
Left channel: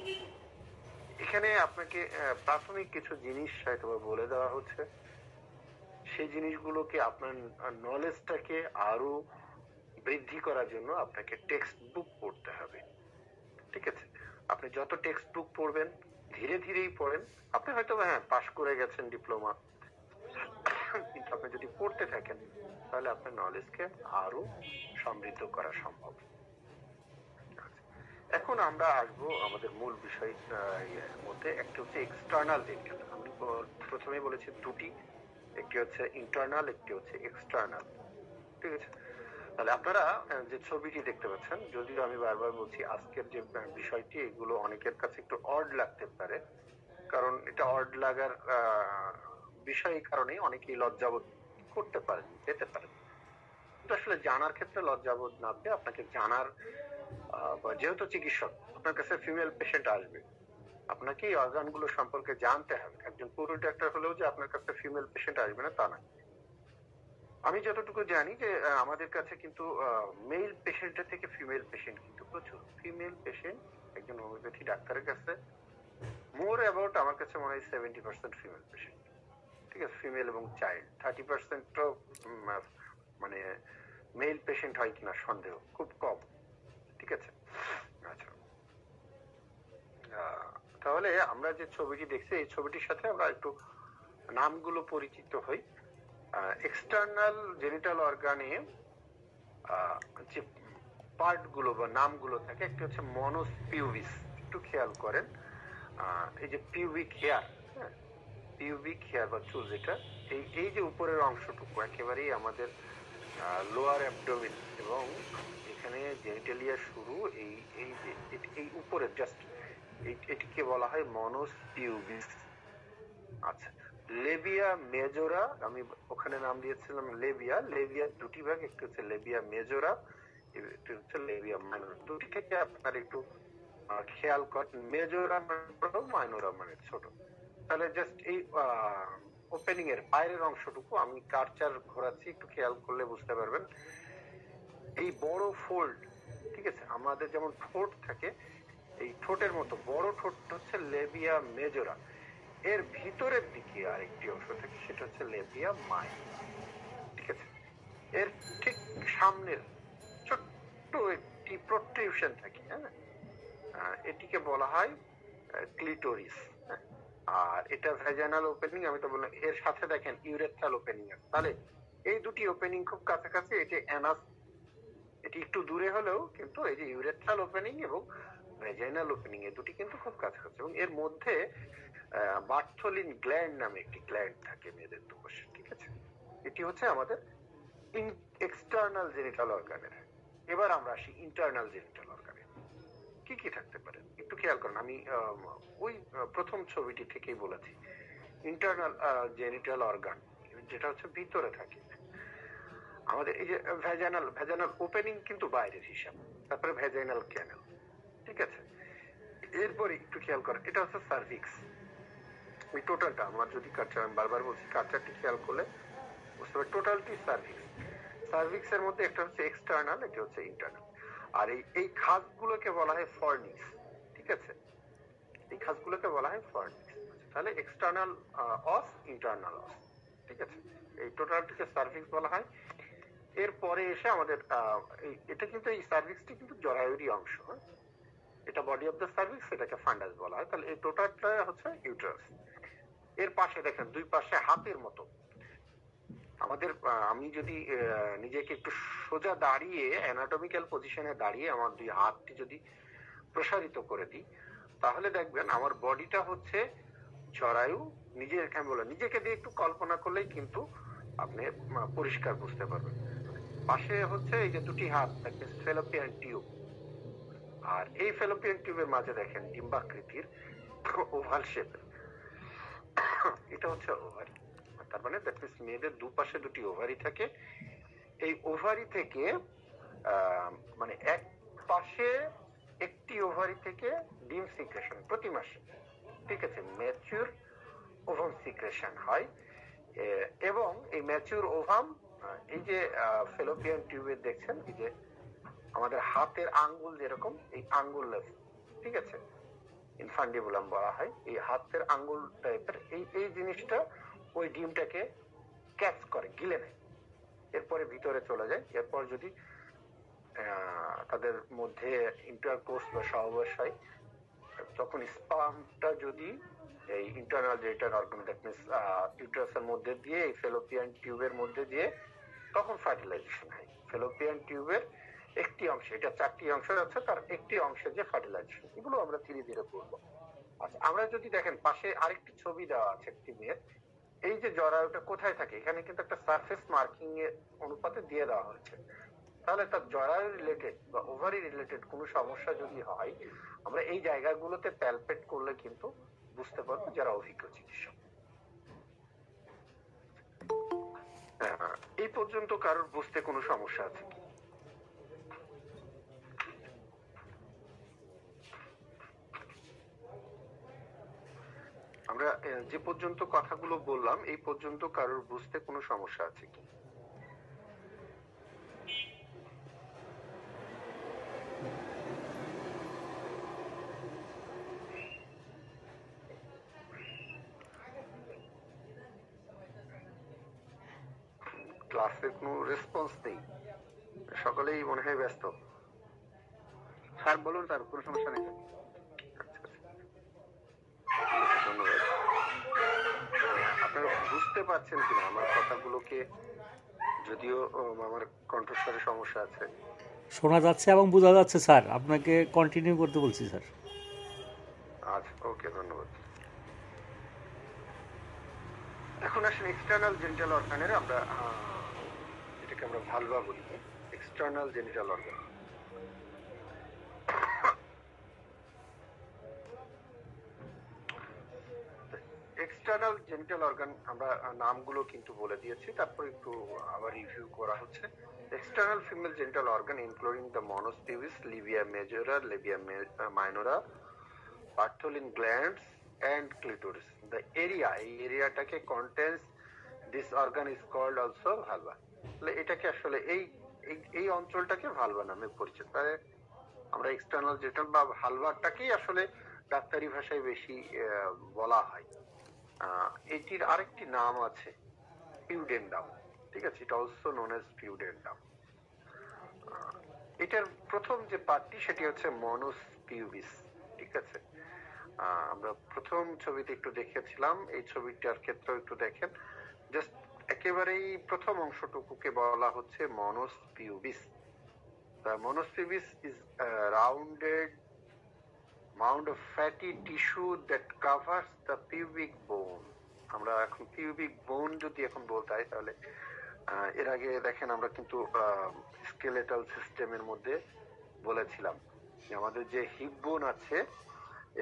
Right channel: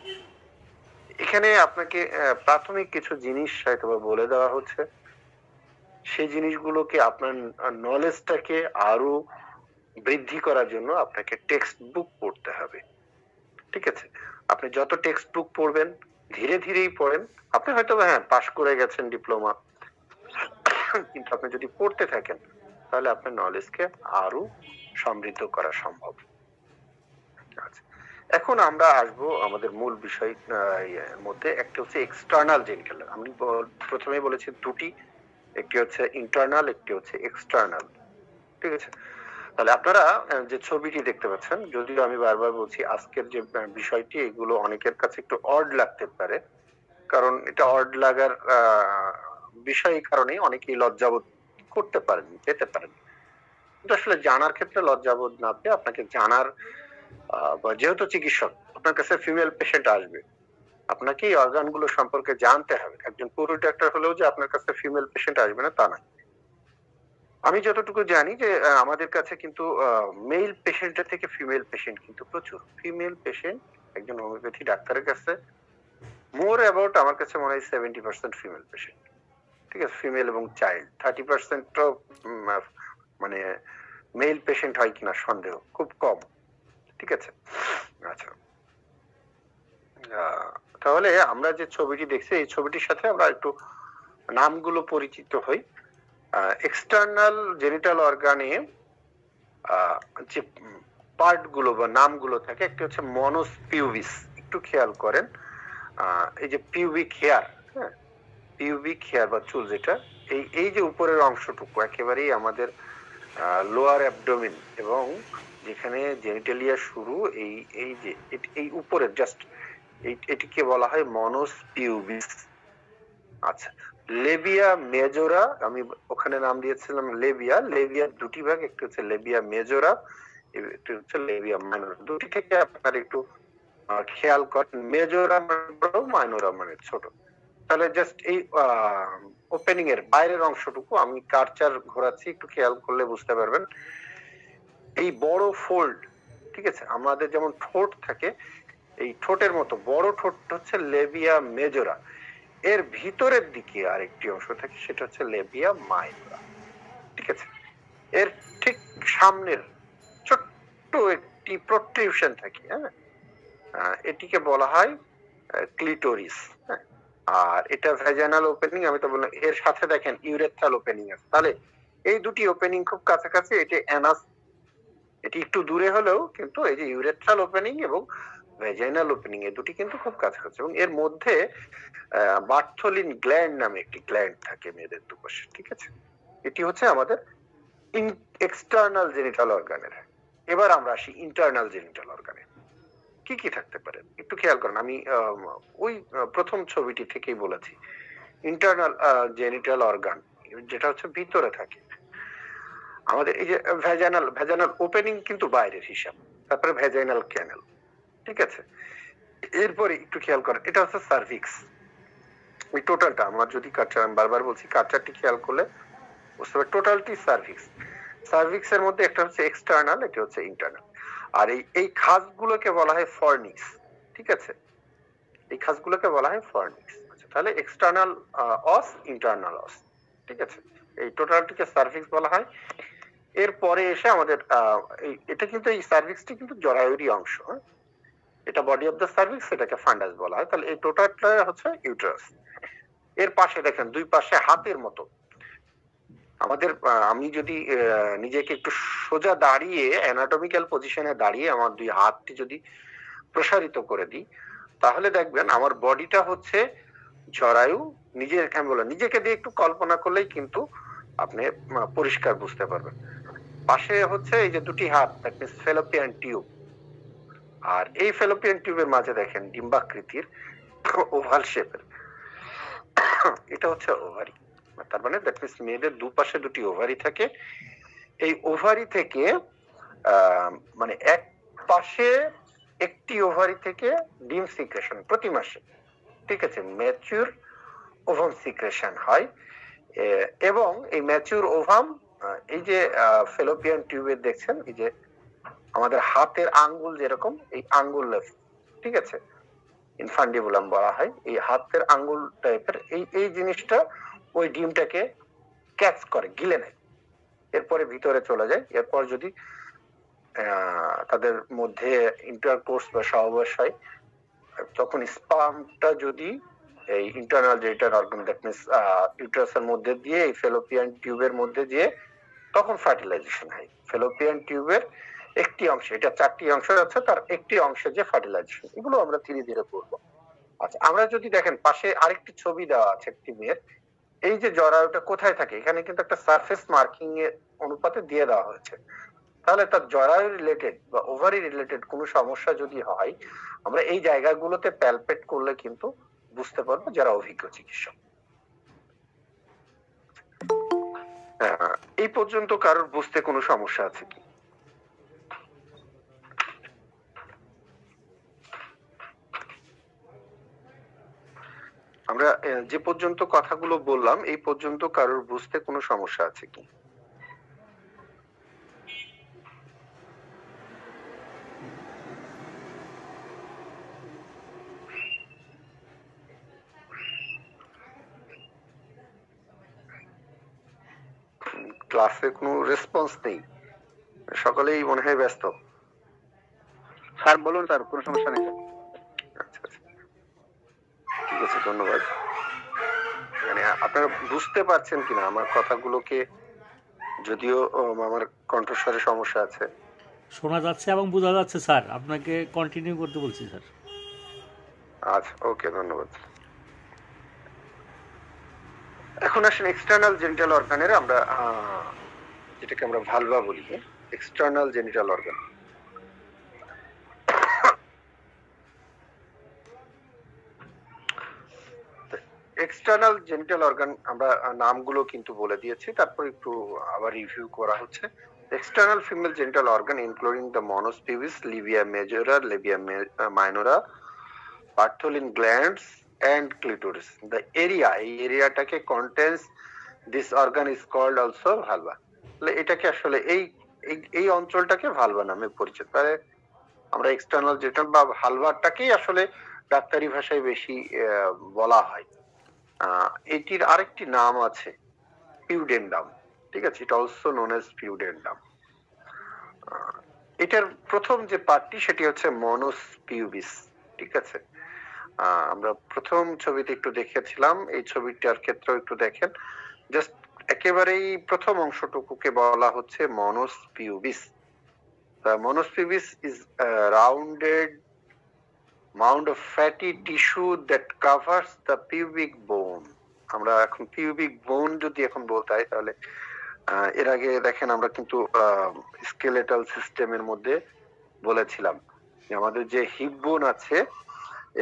এখানে আপনাকে প্রাথমিক কিছু জিনিস হয়তো বলে দেওয়া হচ্ছে, সেই জিনিসগুলোকে আপনার নলেজটাকে আরো বৃদ্ধি করার জন্য আপনাকে টেক্সট বুক পড়তে হবে, ঠিক আছে। আপনি যত টেক্সট বুক পড়বেন, ধীরে ধীরেই পড়েন, আপনি হয়তো হ্যাঁ পাশ করে গেছেন ডিপ্লোমা, কিন্তু আপনি যদি পড়তে থাকেন তাহলে আপনার নলেজকে আরো সমৃদ্ধ করা সম্ভব। আচ্ছা, এখন আমরা আসবো আমাদের মূল বিষয় মধ্যে। একটা হচ্ছে এক্সটার্নাল জেনিটাল। আমি প্রথমেই বলেছি দুটি, একটি হচ্ছে ইন্টারনাল, একটি হচ্ছে এক্সটার্নাল, ঠিক আছে। তাহলে আপনারা যে ছবিটি দেখতে পাচ্ছেন, যদিও আমি বারবার বলছি আজকের যে বিষয়টি, এগুলো অনেকের কাছে একটু অড লাগতে পারে, কারণ এটা অড লাগার বিষয় কারণে অনেকেই লজ্জাবোধ করতে পারেন, পেতে পারেন। কিন্তু আসলে জানার ক্ষেত্রে লজ্জাবোধ না পেয়ে আপনাকে জানার, যেহেতু চিকিৎসক, আপনার কাছে ফিমেল পেশেন্ট আসবে, আপনাকে এই অর্গানগুলো সম্পর্কে জানতে হবে। একজন পুরুষ ডাক্তার হলেও যে আপনার কাছে ফিমেল পেশেন্ট আসবে না তা নয়। আমি যতটুকু জানি যে আমাদের কাছে কিন্তু মেল পেশেন্টের থেকে ফিমেল পেশেন্ট কিন্তু প্রচুর। ফিমেল পেশেন্ট একজন হোমিওপ্যাথি ডাক্তারের কাছে মোর অ্যাবাউট, আমার কাছে মনে হয় 70% ফিমেল পেশেন্ট, ঠিক আছে, ফিমেল এবং চাইল্ড। 30% তো মানে মেল পেশেন্ট হয় কিনা সন্দেহ, খুব কম, ঠিক আছে। আচ্ছা, তাহলে আমরা যে ছবিটি দেখছি, এই ছবিটির সাথে আমরা একটু নামগুলো পরিচিত হই। এক্সটার্নাল জেনিটাল অর্গানে যে পার্ট গুলো বা নামগুলো থাকে, একটা হচ্ছে মনোস পিউবিস, একটু খেয়াল করেন। এই যে পিউবিক হেয়ার, হ্যাঁ, পিউবিক হেয়ার বা চুল, যেটা এই যে উপরের অংশটুকু একেবারেই আমাদের লোয়ার অ্যাবডোমেন, এবং যেখানে জেনিটালিয়া শুরু, এই যে এই উপরের জাস্ট এটিকে বলা হয় মনোস পিউবিস। আচ্ছা, লেবিয়া মেজোরা, আমি ওখানে নাম দিয়েছিলাম লেবিয়া। লেবিয়ার দুটি ভাগ, একটা হচ্ছে লেবিয়া মেজোরা, একটি হচ্ছে লেবিয়া মাইনর। দুটি থেকে আপনার একটু খেয়াল করেন, মেজোরা মানে বড়, মাইনোরা মানে ছোট। তাহলে জাস্ট এই ওপেনিং এর বাইরের অংশটুকু আমি কার্চার ঘোরাচ্ছি, একটু খেয়াল করলে বুঝতে পারবেন। এই বড় ফোল্ড, ঠিক আছে, আমাদের যেমন ঠোঁট থাকে, এই ঠোঁটের মতো বড় ঠোঁট হচ্ছে লেবিয়া মেজোরা। এর ভিতরের দিকে আরেকটি অংশ থাকে, সেটা হচ্ছে লেবিয়া মাইনোরা, ঠিক আছে। এর ঠিক সামনের ছোট্ট একটি প্রোট্রিউশন থাকে, হ্যাঁ, এটিকে বলা হয় ক্লিটোরিস। হ্যাঁ, আর এটা ভ্যাজাইনাল ওপেনিং, আমি তো বললাম। এর সাথে দেখেন ইউরেথ্রাল ওপেনিং আছে। তাহলে এই দুটি ওপেনিং খুব কাছাকাছি। এটি অ্যানাস, এটি একটু দূরে হলেও কিন্তু এই যে ইউরেথ্রাল ওপেনিং এবং ভ্যাজাইনাল ওপেনিং, এই দুটি কিন্তু খুব কাছাকাছি। এবং এর মধ্যে বার্থোলিন গ্ল্যান্ড নামে একটি গ্ল্যান্ড থাকে মেয়েদের দুপাশে, ঠিক আছে। এটি হচ্ছে আমাদের এক্সটার্নাল জেনিটাল অর্গানের। এবার আমরা আসি ইন্টারনাল জেনিটাল অর্গানে। কি কি থাকতে পারে একটু খেয়াল করেন। আমি ওই প্রথম ছবিটি থেকেই বলেছি, ইন্টারনাল জেনিটাল অর্গান যেটা হচ্ছে ভিতরে থাকে আমাদের। এই যে ভ্যাজাইনাল ওপেনিং কিন্তু বাইরের হিসাব, তারপরে ভ্যাজাইনাল ক্যানেল, ঠিক আছে। এরপরে একটু খেয়াল করেন, এটা হচ্ছে সার্ভিক্স। ওই টোটালটা আমার যদি কাটচার, আমি বারবার বলছি কাটচারটি খেয়াল করলে বুঝতে পারবে, টোটালটি সার্ভিক্স। সার্ভিক্স এর মধ্যে একটা হচ্ছে এক্সটার্নাল, একটা হচ্ছে ইন্টারনাল। আর এই খাসগুলোকে বলা হয় ফর্নিক্স, ঠিক আছে। এই খাসগুলোকে বলা হয় ফর্নিক্স। আচ্ছা, তাহলে এক্সটার্নাল অস, ইন্টারনাল অস, ঠিক আছে। এই টোটালটিকে সার্ভিক্স বলা হয়। এরপরে এসে আমাদের এটা কিন্তু, এই সার্ভিক্সটি কিন্তু জরায়ুরই অংশ। এটা বডি অফ দ্য সার্ভিক্স, এটাকে ফান্ডাস বলা হয়। তাহলে এই টোটালটা হচ্ছে ইউটেরাস। এর পাশে দেখেন দুই পাশে হাতের মতো আমাদের, আমি যদি নিজেকে একটু সোজা দাঁড়িয়ে অ্যানাটমিক্যাল পজিশনে দাঁড়িয়ে আমার দুই হাতটি যদি প্রসারিত করে দিই, তাহলে দেখবেন আমার বডিটা হচ্ছে জরায়ু। নিজেকে দিয়ে একটু কল্পনা করলেই কিন্তু আপনি পরিষ্কার বুঝতে পারবেন। পাশে হচ্ছে এই যে দুটি হাত, দ্যাট মিন্স ফেলোপিয়ান টিউব। আর এই ফেলোপিয়ান টিউবের মাঝে দেখেন ডিম্বাকৃতির ওভাল শেপের, এটা হচ্ছে ওভারি। তার মানে দ্যাট মিন্স মেয়েদের দুপাশে দুটি ওভারি থাকে। এই ওভারি থেকে মানে এক পাশে একটি ওভারি থেকে ডিম সিক্রেশন প্রতি মাসে, ঠিক আছে, ম্যাচিউর ওভাম সিক্রেশন হয়। এবং এই ম্যাচিউর ওভাম, এই যে ফেলোপিয়ান টিউবের দেখছেন এই যে আমাদের হাতের আঙ্গুল যেরকম, এই আঙ্গুল, ঠিক আছে, ইনফান্ডিবুলাম বলা হয়, এই হাতের আঙ্গুল টাইপের এই জিনিসটা ওই ডিমটাকে ক্যাচ করে, গিলে নেয়, এরপরে ভিতরে চলে যায়। এরপর যদি তাদের মধ্যে ইন্টারকোর্স বা সহবাস হয়, তখন স্পার্মটা যদি এই internal genital organ, that means ইউটেরাসের মধ্যে দিয়ে এই ফেলোপিয়ান টিউবের মধ্যে দিয়ে, তখন ফার্টিলাইজেশন হয়। ফেলোপিয়ান টিউবের একটি অংশ, এটা 4টি অংশ আছে, তার একটি অংশে যে ফার্টিলাইজেশন, এগুলো আমরা ধীরে ধীরে করবো। আচ্ছা, আমরা যদি দেখেন পাশে আরেকটি ছবি দেওয়া আছে একটি মেয়ের, এই যে জরায়ুটা কোথায় থাকে, এখানে কিন্তু একটা সারফেস মার্কিং এর অনুপাতে দিয়ে দেওয়া হয়েছে। তাহলে তার জরায়ু রিলেটেড বা ওভারি রিলেটেড কোনো সমস্যা যদি হয়, আমরা এই জায়গাগুলোতে প্যালপেট করলে কিন্তু বুঝতে পারবো, যারা অভিজ্ঞ চিকিৎসক। এই পর্যন্ত কারোর বুঝতে কোনো সমস্যা আছে কি? আমরা যে পর্যন্ত কথাগুলো বললাম, এই পর্যন্ত কারোর বুঝতে কোনো সমস্যা আছে কি? ক্লাসে কোনো রেসপন্স নেই, সকলেই মনে হয় ব্যস্ত। স্যার বলুন স্যার, কোনো সমস্যা নেই। আচ্ছা আচ্ছা, ঠিক আছে, ধন্যবাদ। মানে আপনারা বুঝতে পারছেন কিনা আমার কথাগুলোকে? যদিও আমার কণ্ঠস্বরে সমস্যা আছে। শোনা যাচ্ছে এবং বোঝা যাচ্ছে স্যার, আপনাকে কন্টিনিউ করতে বলছি স্যার। আচ্ছা, ওকে, ধন্যবাদ। এখন আসেন এক্সটার্নাল জেনিটাল অর্গানের, আমরা যেটাকে আমরা ভালভা বলি, external genital organ. External genital organ আমরা নামগুলো কিন্তু বলে দিয়েছি, তারপর একটু আবার রিভিউ করা হচ্ছে। External female genital organ including the mons pubis, labia majora, labia minora, Bartholin glands and clitoris. The area, এই এরিয়াটাকে contains this organ is called also vulva. এটাকে আসলে এই অঞ্চলটাকে ভালভা নামে পরিচিত। তাহলে আমরা এক্সটার্নাল জেনিটাল বা ভালভাটাকেই আসলে ডাক্তারি ভাষায় বেশি বলা হয়। এটির আরেকটি নাম আছে পিউডেন্ডাম, ঠিক আছে, এটা অলসো নোন এজ পিউডেন্ডাম। এটার প্রথম যে পার্টটি সেটি হচ্ছে মনস পিউবিস, ঠিক আছে। আমরা প্রথম ছবিতে একটু দেখেছিলাম, এই ছবিটার ক্ষেত্রেও একটু দেখেন, জাস্ট একেবারেই প্রথম অংশটুকুকে বলা হচ্ছে mons pubis. The mons pubis is a rounded mound of fatty tissue that covers the pubic bone. আমরা এখন পিউবিক বোন যদি এখন বলতে হয়, তাহলে এর আগে দেখেন আমরা কিন্তু স্কেলেটাল সিস্টেমের মধ্যে বলেছিলাম যে আমাদের যে হিপ বোন আছে,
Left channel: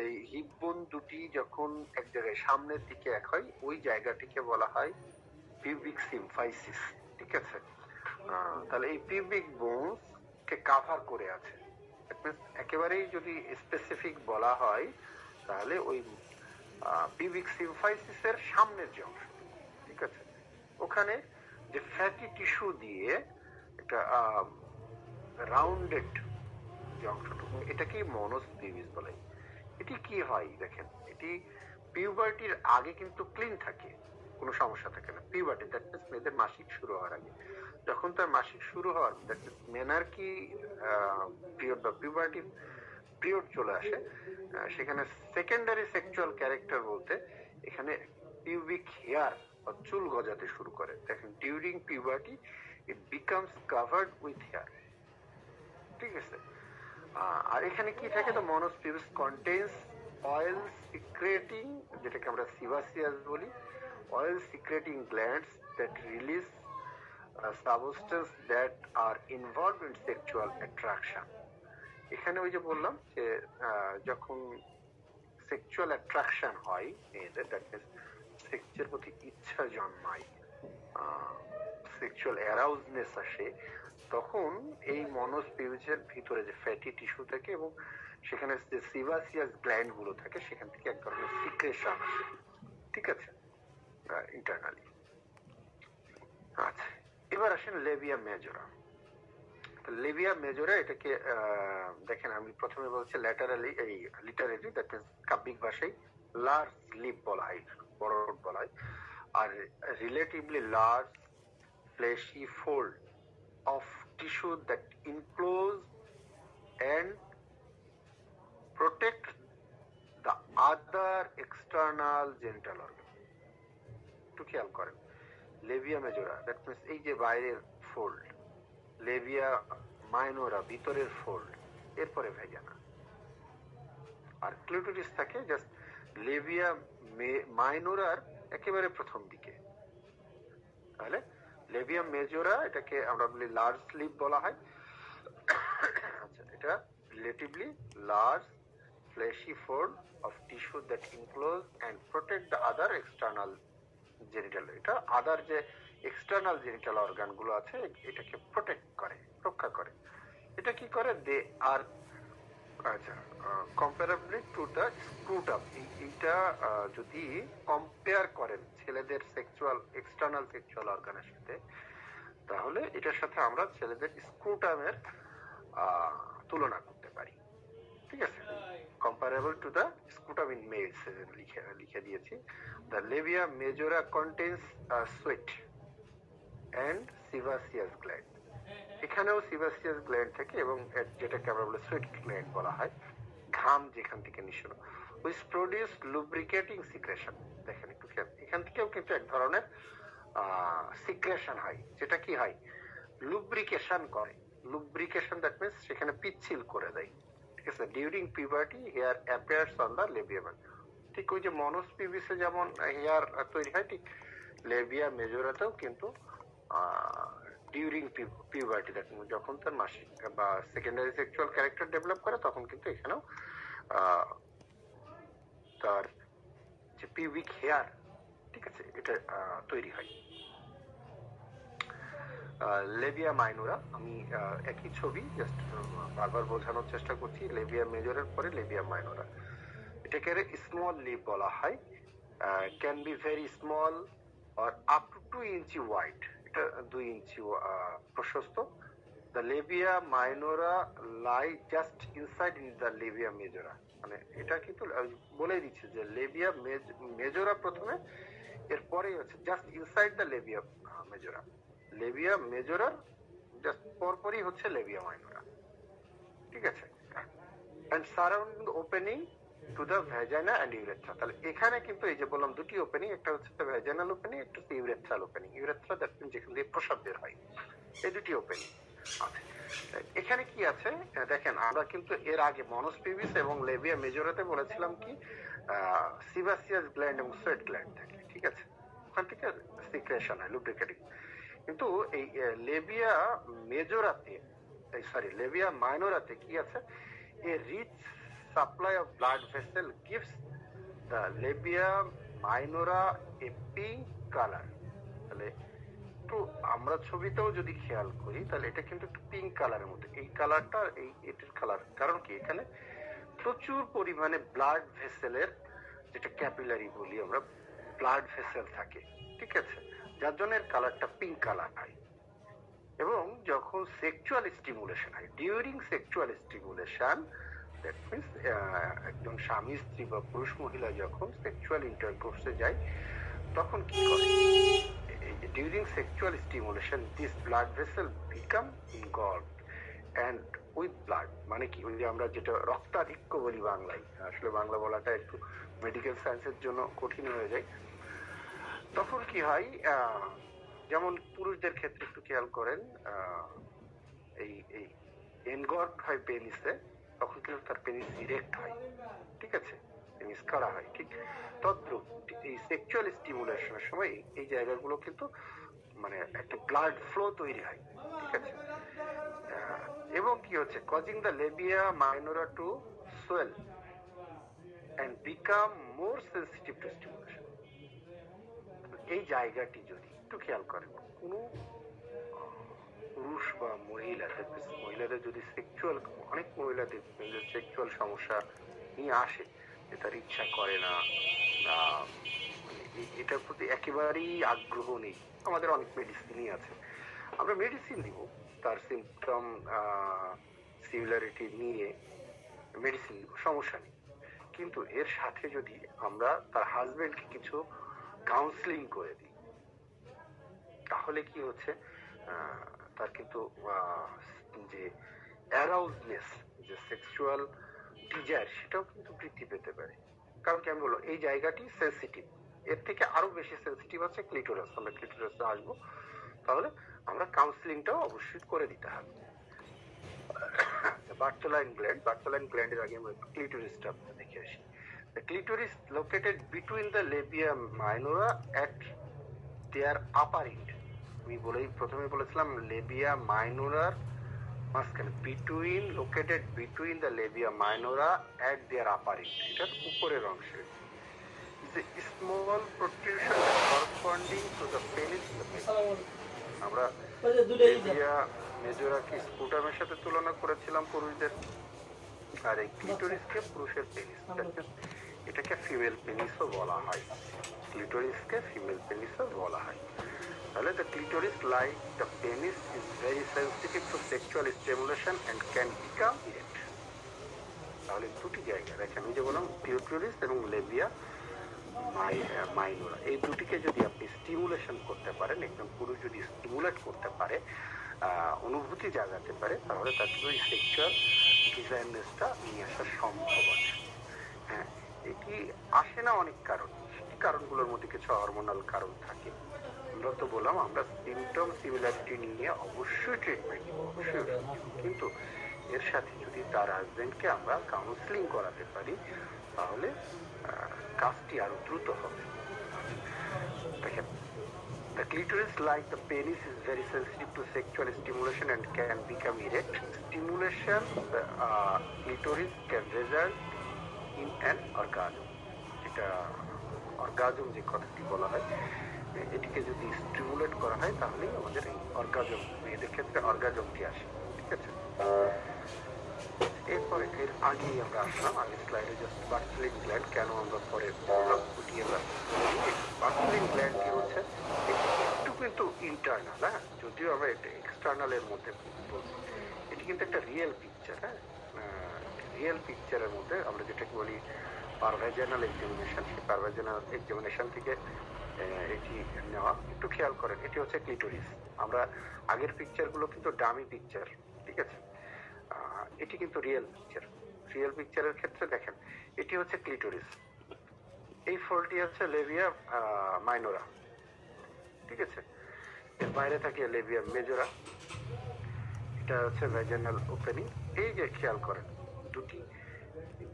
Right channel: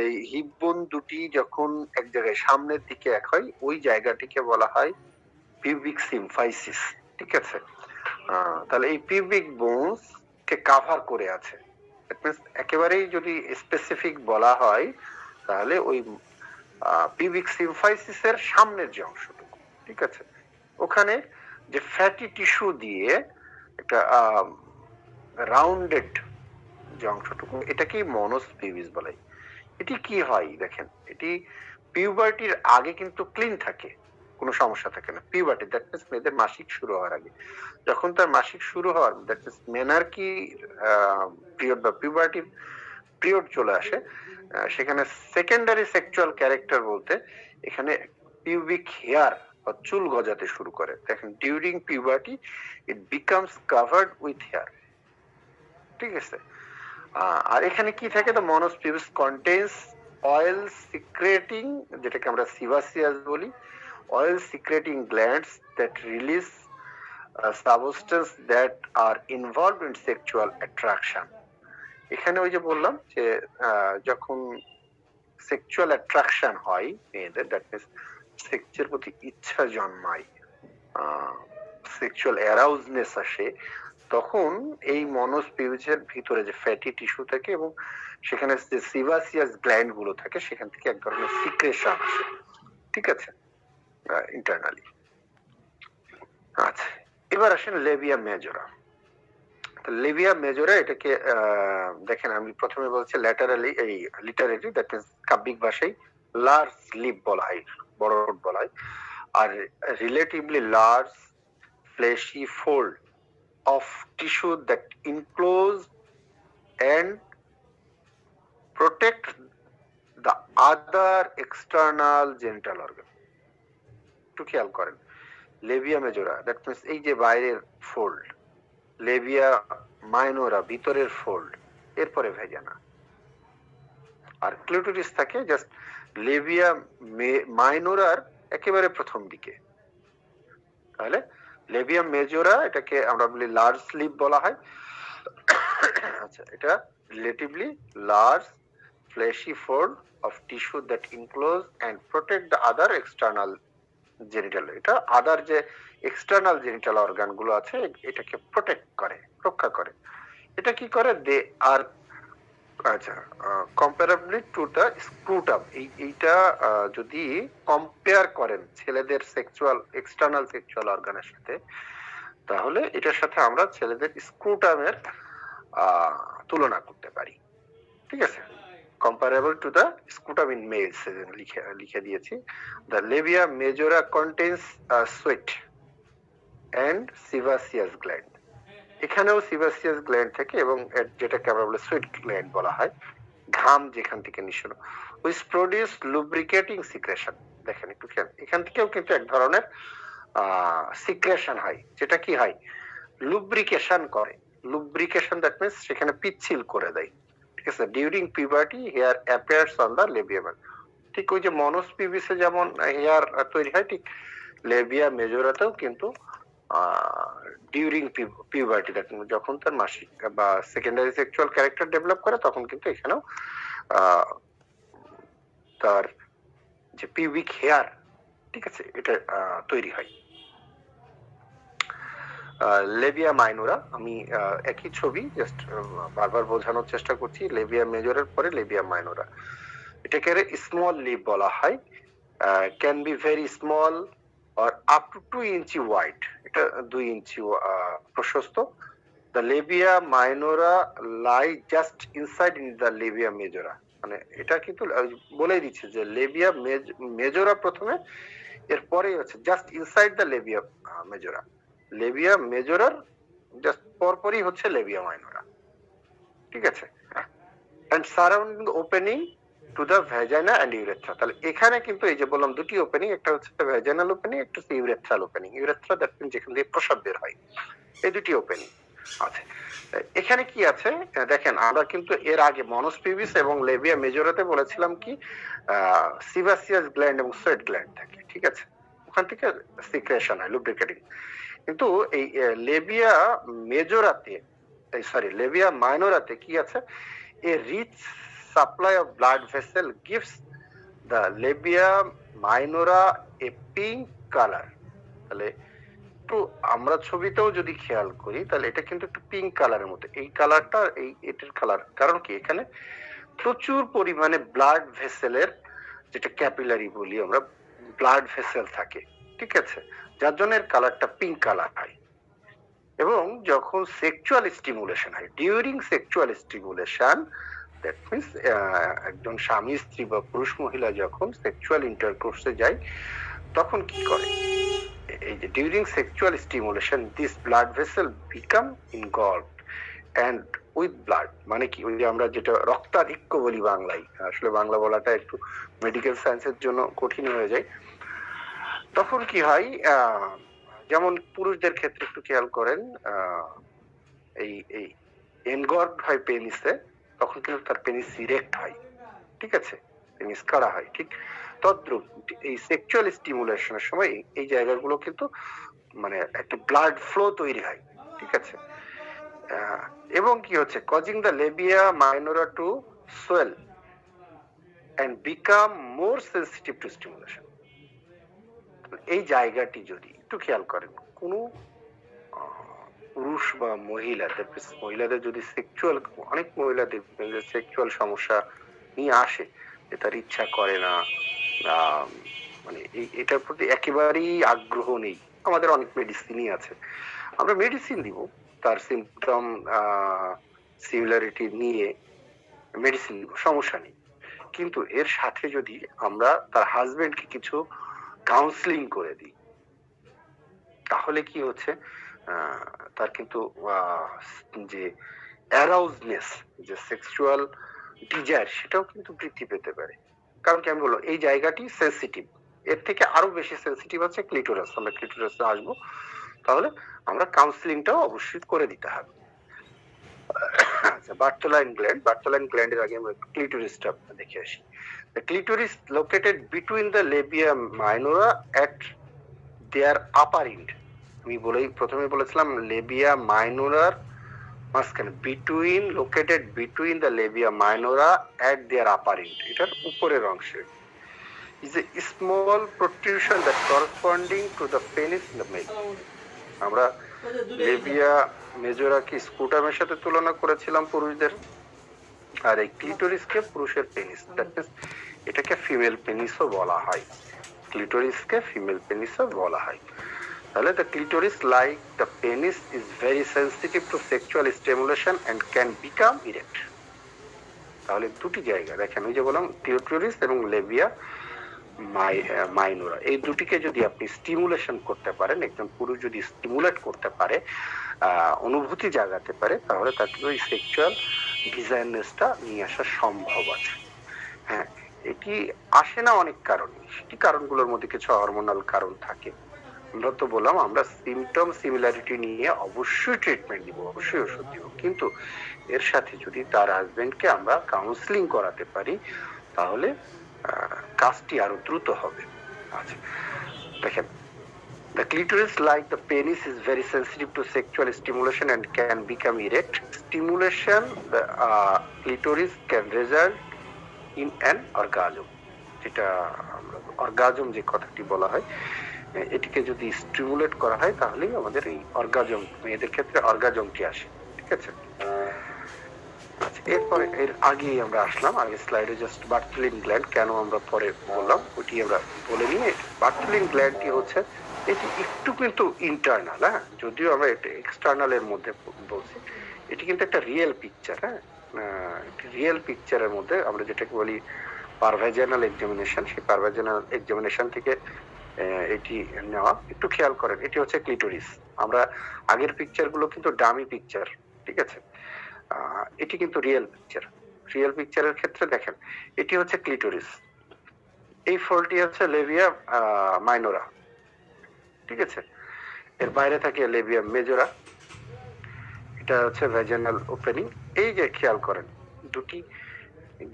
এই হিপ বোন দুটি যখন এক জায়গায় সামনের দিকে এক হয়, ওই জায়গাটিকে বলা হয় পিউবিক সিম্ফাইসিস, ঠিক আছে। তাহলে এই পিউবিক বোনস কে কাভার করে আছে, একেবারেই যদি স্পেসিফিক বলা হয় তাহলে ওই পিউবিক সিম্ফাইসিসের সামনের যে অংশটুকু, ঠিক আছে, ওখানে যে ফ্যাটি টিস্যু দিয়ে একটা রাউন্ডেড যে অংশটুকু, এটাকেই মনস পিউবিস বলে। এটি কি হয় দেখেন, এটি পিউবার্টির আগে কিন্তু ক্লিন থাকে, কোনো সমস্যা থাকে না। পিউবার্টি দ্যাট মিন্স মেয়েদের মাসিক শুরু হওয়ার আগে, যখন তার মাসিক শুরু হওয়ার দ্যাট মিন্স মেনার্কি পিরিয়ড বা পিউবার্টির পিরিয়ড চলে আসে, সেখানে সেকেন্ডারি সেক্সুয়াল ক্যারেক্টার বলতে এখানে পিউবিক হেয়ার বা চুল গজাতে শুরু করে। দেখেন, during puberty it becomes covered with hair, ঠিক আছে। আর এখানে কি থাকে, the mons pubis contains oil secreting, যেটাকে আমরা সিবাসিয়াস বলি, oil secreting glands that release substances that are involved in sexual attraction. এখানে ওই যে বললাম যে যখন সেক্সুয়াল অ্যাট্রাকশন হয় মেয়েদের, দ্যাট মিনস সেক্সের প্রতি ইচ্ছা জন্মায়, সেক্সুয়াল অ্যারাউজনেস আসে, তখন এই মনোস পিউবিসের ভিতরে যে ফ্যাটি টিস্যু থাকে এবং সেখানে যে সিবাসিয়াস গ্ল্যান্ড গুলো থাকে, সেখান থেকে এক ধরনের সিক্রেশন আসে, ঠিক আছে, ইন্টারনালি। আচ্ছা, এবার আসেন লেবিয়া মেজরা। লেবিয়া মেজরা এটাকে দেখেন, আমি প্রথমে বলছি ল্যাটারালি, এই লিটারেলি দ্যাট মিন্স কাব্যিক ভাষায় লার্জ লিপ বলা হয়, বড় বলা হয়, আর relatively large fleshy fold of tissue that enclose and protect the other external genital organ. একটু খেয়াল করেন, লেবিয়া মেজরা দ্যাট মিন্স এই যে বাইরের ফোল্ড, লেবিয়া মাইনোরা ভিতরের ফোল্ড, এরপরে ভেজানা, আর ক্লিটোরিস থাকে জাস্ট লেবিয়া মাইনোরার একেবারে প্রথম দিকে। তাহলে লেবিয়া মেজরা এটাকে আমরা বলি লার্জ স্লিপ বলা হয়। আচ্ছা, এটা relatively large fleshy fold of tissue that enclose and protect the other external genital, এটা আদার যে এক্সটার্নাল জেনিটাল অর্গান গুলো আছে এটাকে প্রোটেক্ট করে, রক্ষা করে। এটা কি করে, দে আর আচ্ছা কম্পারেবলি টু দ্য স্ক্রুটাম, এইটা যদি কম্পেয়ার করেন ছেলেদের সেক্সুয়াল এক্সটার্নাল সেক্সুয়াল অর্গানের সাথে, তাহলে এটার সাথে আমরা ছেলেদের স্ক্রুটামের তুলনা করতে পারি, ঠিক আছে। comparable to the scutum in males লিখে দিয়েছি। The labia majora contains a sweat and sebaceous gland, এখানেও sebaceous gland থেকে, এবং যেটাকে আমরা বলি sweat gland বলা হয়, ঘাম যেখান থেকে নিঃসরণ, which produce lubricating secretion। দেখেন একটু খেয়াল, এখান থেকেও কিন্তু এক ধরনের সিক্রেশন হয়, যেটা কি হয়, লুব্রিকেশন করে। লুব্রিকেশন দ্যাট মিন্স সেখানে পিচ্ছিল করে দেয়, ঠিক আছে। During puberty hair appears on the labia, ঠিক ওই যে মনোস পিউবিসে যেমন হেয়ার তৈরি হয়, ঠিক লেবিয়া মেজরাতেও কিন্তু ডিউরিং পিউবার্টি, যখন তার মাসিক বা সেকেন্ডারি সেক্সুয়াল ক্যারেক্টার ডেভেলপ করে, তখন কিন্তু এখানেও তার যে পিউবিক হেয়ার, ঠিক আছে, এটা তৈরি হয়। লেবিয়া মাইনোরা, আমি একই ছবি জাস্ট বারবার বোঝানোর চেষ্টা করছি। লেবিয়া মেজরের পরে লেবিয়া মাইনোরা, এটাকে স্মল লিপ বলা হয়, can be very small or up to 2 inch wide, এটা 2 ইঞ্চি প্রশস্ত। The labia minora lie just inside in the labia majora, মানে এটা কিন্তু বলেই দিচ্ছে যে লেবিয়া মেজরা প্রথমে, এরপরে হচ্ছে just inside the labia majora. Labia মেজরার জাস্ট পরপরই হচ্ছে লেবিয়া মাইনোরা, ঠিক আছে। And surrounding opening to the vagina and urethra, তাহলে এখানে কিন্তু এই যে বললাম দুটি ওপেনিং, একটা হচ্ছে ভ্যাজাইনাল ওপেনিং, একটা হচ্ছে urethral opening. Urethra that means যেখান দিয়ে প্রস্রাব বের হয়, এই দুটি ওপেনিং আছে। এখানে কি আছে দেখেন, আমরা কিন্তু এর আগে মনোস পিউবিস এবং লেবিয়া মেজরাতে বলেছিলাম কি সিবাসিয়াস গ্ল্যান্ড এবং সোয়েট গ্ল্যান্ড থাকে, ঠিক আছে, ওখান থেকে সিক্রেশন হয়, লুব্রিকেটিং। কিন্তু এই লেবিয়া মেজরাতে, সরি লেবিয়া মাইনোরাতে কি আছে, a rich supply of blood vessel gives the labia minora a pink colour. তাহলে একটু আমরা ছবিতেও যদি খেয়াল করি, তাহলে এটা কিন্তু একটু পিঙ্ক কালারের মতো, এই কালারটা এটার কালার, কারণ কি এখানে প্রচুর পরিমাণে ব্লাড ভেসেলের, যেটা ক্যাপিলারি বলি আমরা, ব্লাড ভেসেল থাকে, ঠিক আছে, যার জন্য এর কালারটা পিঙ্ক কালার হয়। এবং যখন সেক্সুয়াল স্টিমুলেশন হয়, during sexual stimulation, that means একজন স্বামী স্ত্রী বা পুরুষ মহিলা যখন সেক্সুয়াল ইন্টারকোর্সে যায়, তখন কি করে, এই যে during sexual stimulation this blood vessel become engorged and with blood, মানে কি ওই যে আমরা যেটা রক্তাধিক্য বলি বাংলায়, আসলে বাংলা বলাটা একটু মেডিকেল সায়েন্সের জন্য কঠিন হয়ে যায়। তখন কি হয়, যেমন পুরুষদের ক্ষেত্রে একটু খেয়াল করেন, এই এই এনগর্ড হয় পেনিসে, তখন কিন্তু তার পেনিস ইরেক্ট হয়, ঠিক আছে, পেনিস কাড়া হয়, ঠিক তদ্রুপ এই সেক্সুয়াল স্টিমুলেশনের সময় এই জায়গাগুলো কিন্তু মানে একটা ব্লাড ফ্লো তৈরি হয়, ঠিক আছে। এবং কি হচ্ছে, causing the labia minora to swell and become more sensitive to stimulation. এই জায়গাটি যদি একটু খেয়াল করেন, কোনো পুরুষ বা মহিলাদের যদি সেক্সুয়াল, অনেক মহিলাদের সেক্সুয়াল সমস্যা নিয়ে আসে, যে তার ইচ্ছা করে না, মানে এটার প্রতি একেবারেই আগ্রহ নেই, আমাদের অনেক মেডিসিনই আছে, আমরা মেডিসিন দিব, তার সিমটম সিমিলারিটি নিয়ে মেডিসিন দিব, সমস্যা নেই। কিন্তু এর সাথে যদি আমরা তার হাজবেন্ডকে কিছু কাউন্সিলিং করে দিই, তাহলে কি হচ্ছে, তার কিন্তু যে অ্যারাউজনেস, যে সেক্সুয়াল ডিজায়ার, সেটাও কিন্তু বৃদ্ধি পেতে পারে। কারণ কি আমি বললাম, এই জায়গাটি সেন্সিটিভ, এর থেকে আরো বেশি সেন্সিটিভ আছে ক্লিটোরাস, আমরা ক্লিটোরাসে আসবো, তাহলে আমরা কাউন্সিলিংটাও অবশ্যই করে দিতে হবে। আচ্ছা, বার্থোলাইন গ্ল্যান্ডের আগে আমরা ক্লিটোরিসটা দেখে আসি। The clitoris located between the labia minora at their upper end. আমি প্রথমে বলেছিলাম লেবিয়া মাইনোরার মাঝখানে, located between the labia minora at their upper end, এটার উপরের অংশে is a small protrusion that corresponding to the penis in the male. আমরা লেবিয়া মেজোরা কি স্কুটামের সাথে তুলনা করেছিলাম পুরুষদের, আর এই ক্লিটোরিসকে পুরুষের পেনিস, এটাকে ফিমেল পেনিসও বলা হয়, ক্লিটোরিসকে ফিমেল পেনিসও বলা হয়। তাহলে the clitoris like the penis is very sensitive to sexual stimulation and can become erect. তাহলে দুটি জায়গা দেখেন, ওই যে বললাম ক্লিটোরিস এবং লেবিয়া মাইনোরা, এই দুটিকে যদি আপনি স্টিমুলেশন করতে পারেন, একজন পুরুষ যদি স্টিমুলেট করতে পারে, অনুভূতি জাগাতে পারে, তাহলে তার কিন্তু এই সেক্সুয়াল ডিজায়ারনেসটা নিয়ে আসা সম্ভব আছে। হ্যাঁ, এটি আসে না অনেক কারণ, সেটি কারণগুলোর মধ্যে কিছু হরমোনাল কারণ থাকে। আমরা তো বললাম আমরা সিমটম সিমিলারিটি নিয়ে অবশ্যই ট্রিটমেন্ট দিব, অবশ্যই ওষুধ দিব, কিন্তু এর সাথে যদি তার হাজবেন্ডকে আমরা কাউন্সিলিং করাতে পারি, তাহলে কাজটি আরো দ্রুত হবে। আচ্ছা দেখেন, the clitoris like the penis is very sensitive to sexual stimulation and can become erect. Stimulation the clitoris can result in an orgasm, যেটা অর্গাজম যে কথাটি বলা হয়, এটিকে যদি স্টিমুলেট করা হয় তাহলেই আমাদের এই অর্গাজম, মেয়েদের ক্ষেত্রে অর্গাজমটি আসে, ঠিক আছে। এরপরে এর আগেই আমরা আসলাম, আগে স্লাইডে জাস্ট বার্থলিন গ্ল্যান্ড কেন আমরা পরে বললাম ওটি আমরা বলে নিই। বার্থলিন গ্ল্যান্ডটি হচ্ছে এটি একটু কিন্তু ইন্টারনাল, হ্যাঁ, যদিও আমরা এটা এক্সটার্নাল এর মধ্যে বলছি, এটি কিন্তু একটা রিয়েল পিকচার, হ্যাঁ, রিয়েল পিকচারের মধ্যে আমরা যেটাকে বলি পারভাজানাল এক্সামিনেশন, সেই পারভাজানাল এক্সামিনেশন থেকে এটি নেওয়া। একটু খেয়াল করেন, এটি হচ্ছে ক্লিটোরিস, আমরা আগের পিকচার গুলো কিন্তু ডামি পিকচার, ঠিক আছে, এটি কিন্তু রিয়েল পিকচার। রিয়েল পিকচারের ক্ষেত্রে দেখেন, এটি হচ্ছে ক্লিটোরিস, এই ফলটি হচ্ছে লেবিয়া মাইনোরা, ঠিক আছে, এর বাইরে থাকে লেবিয়া মেজোরা, এটা হচ্ছে ভ্যাজানাল ওপেনিং। এই যে খেয়াল করেন দুটি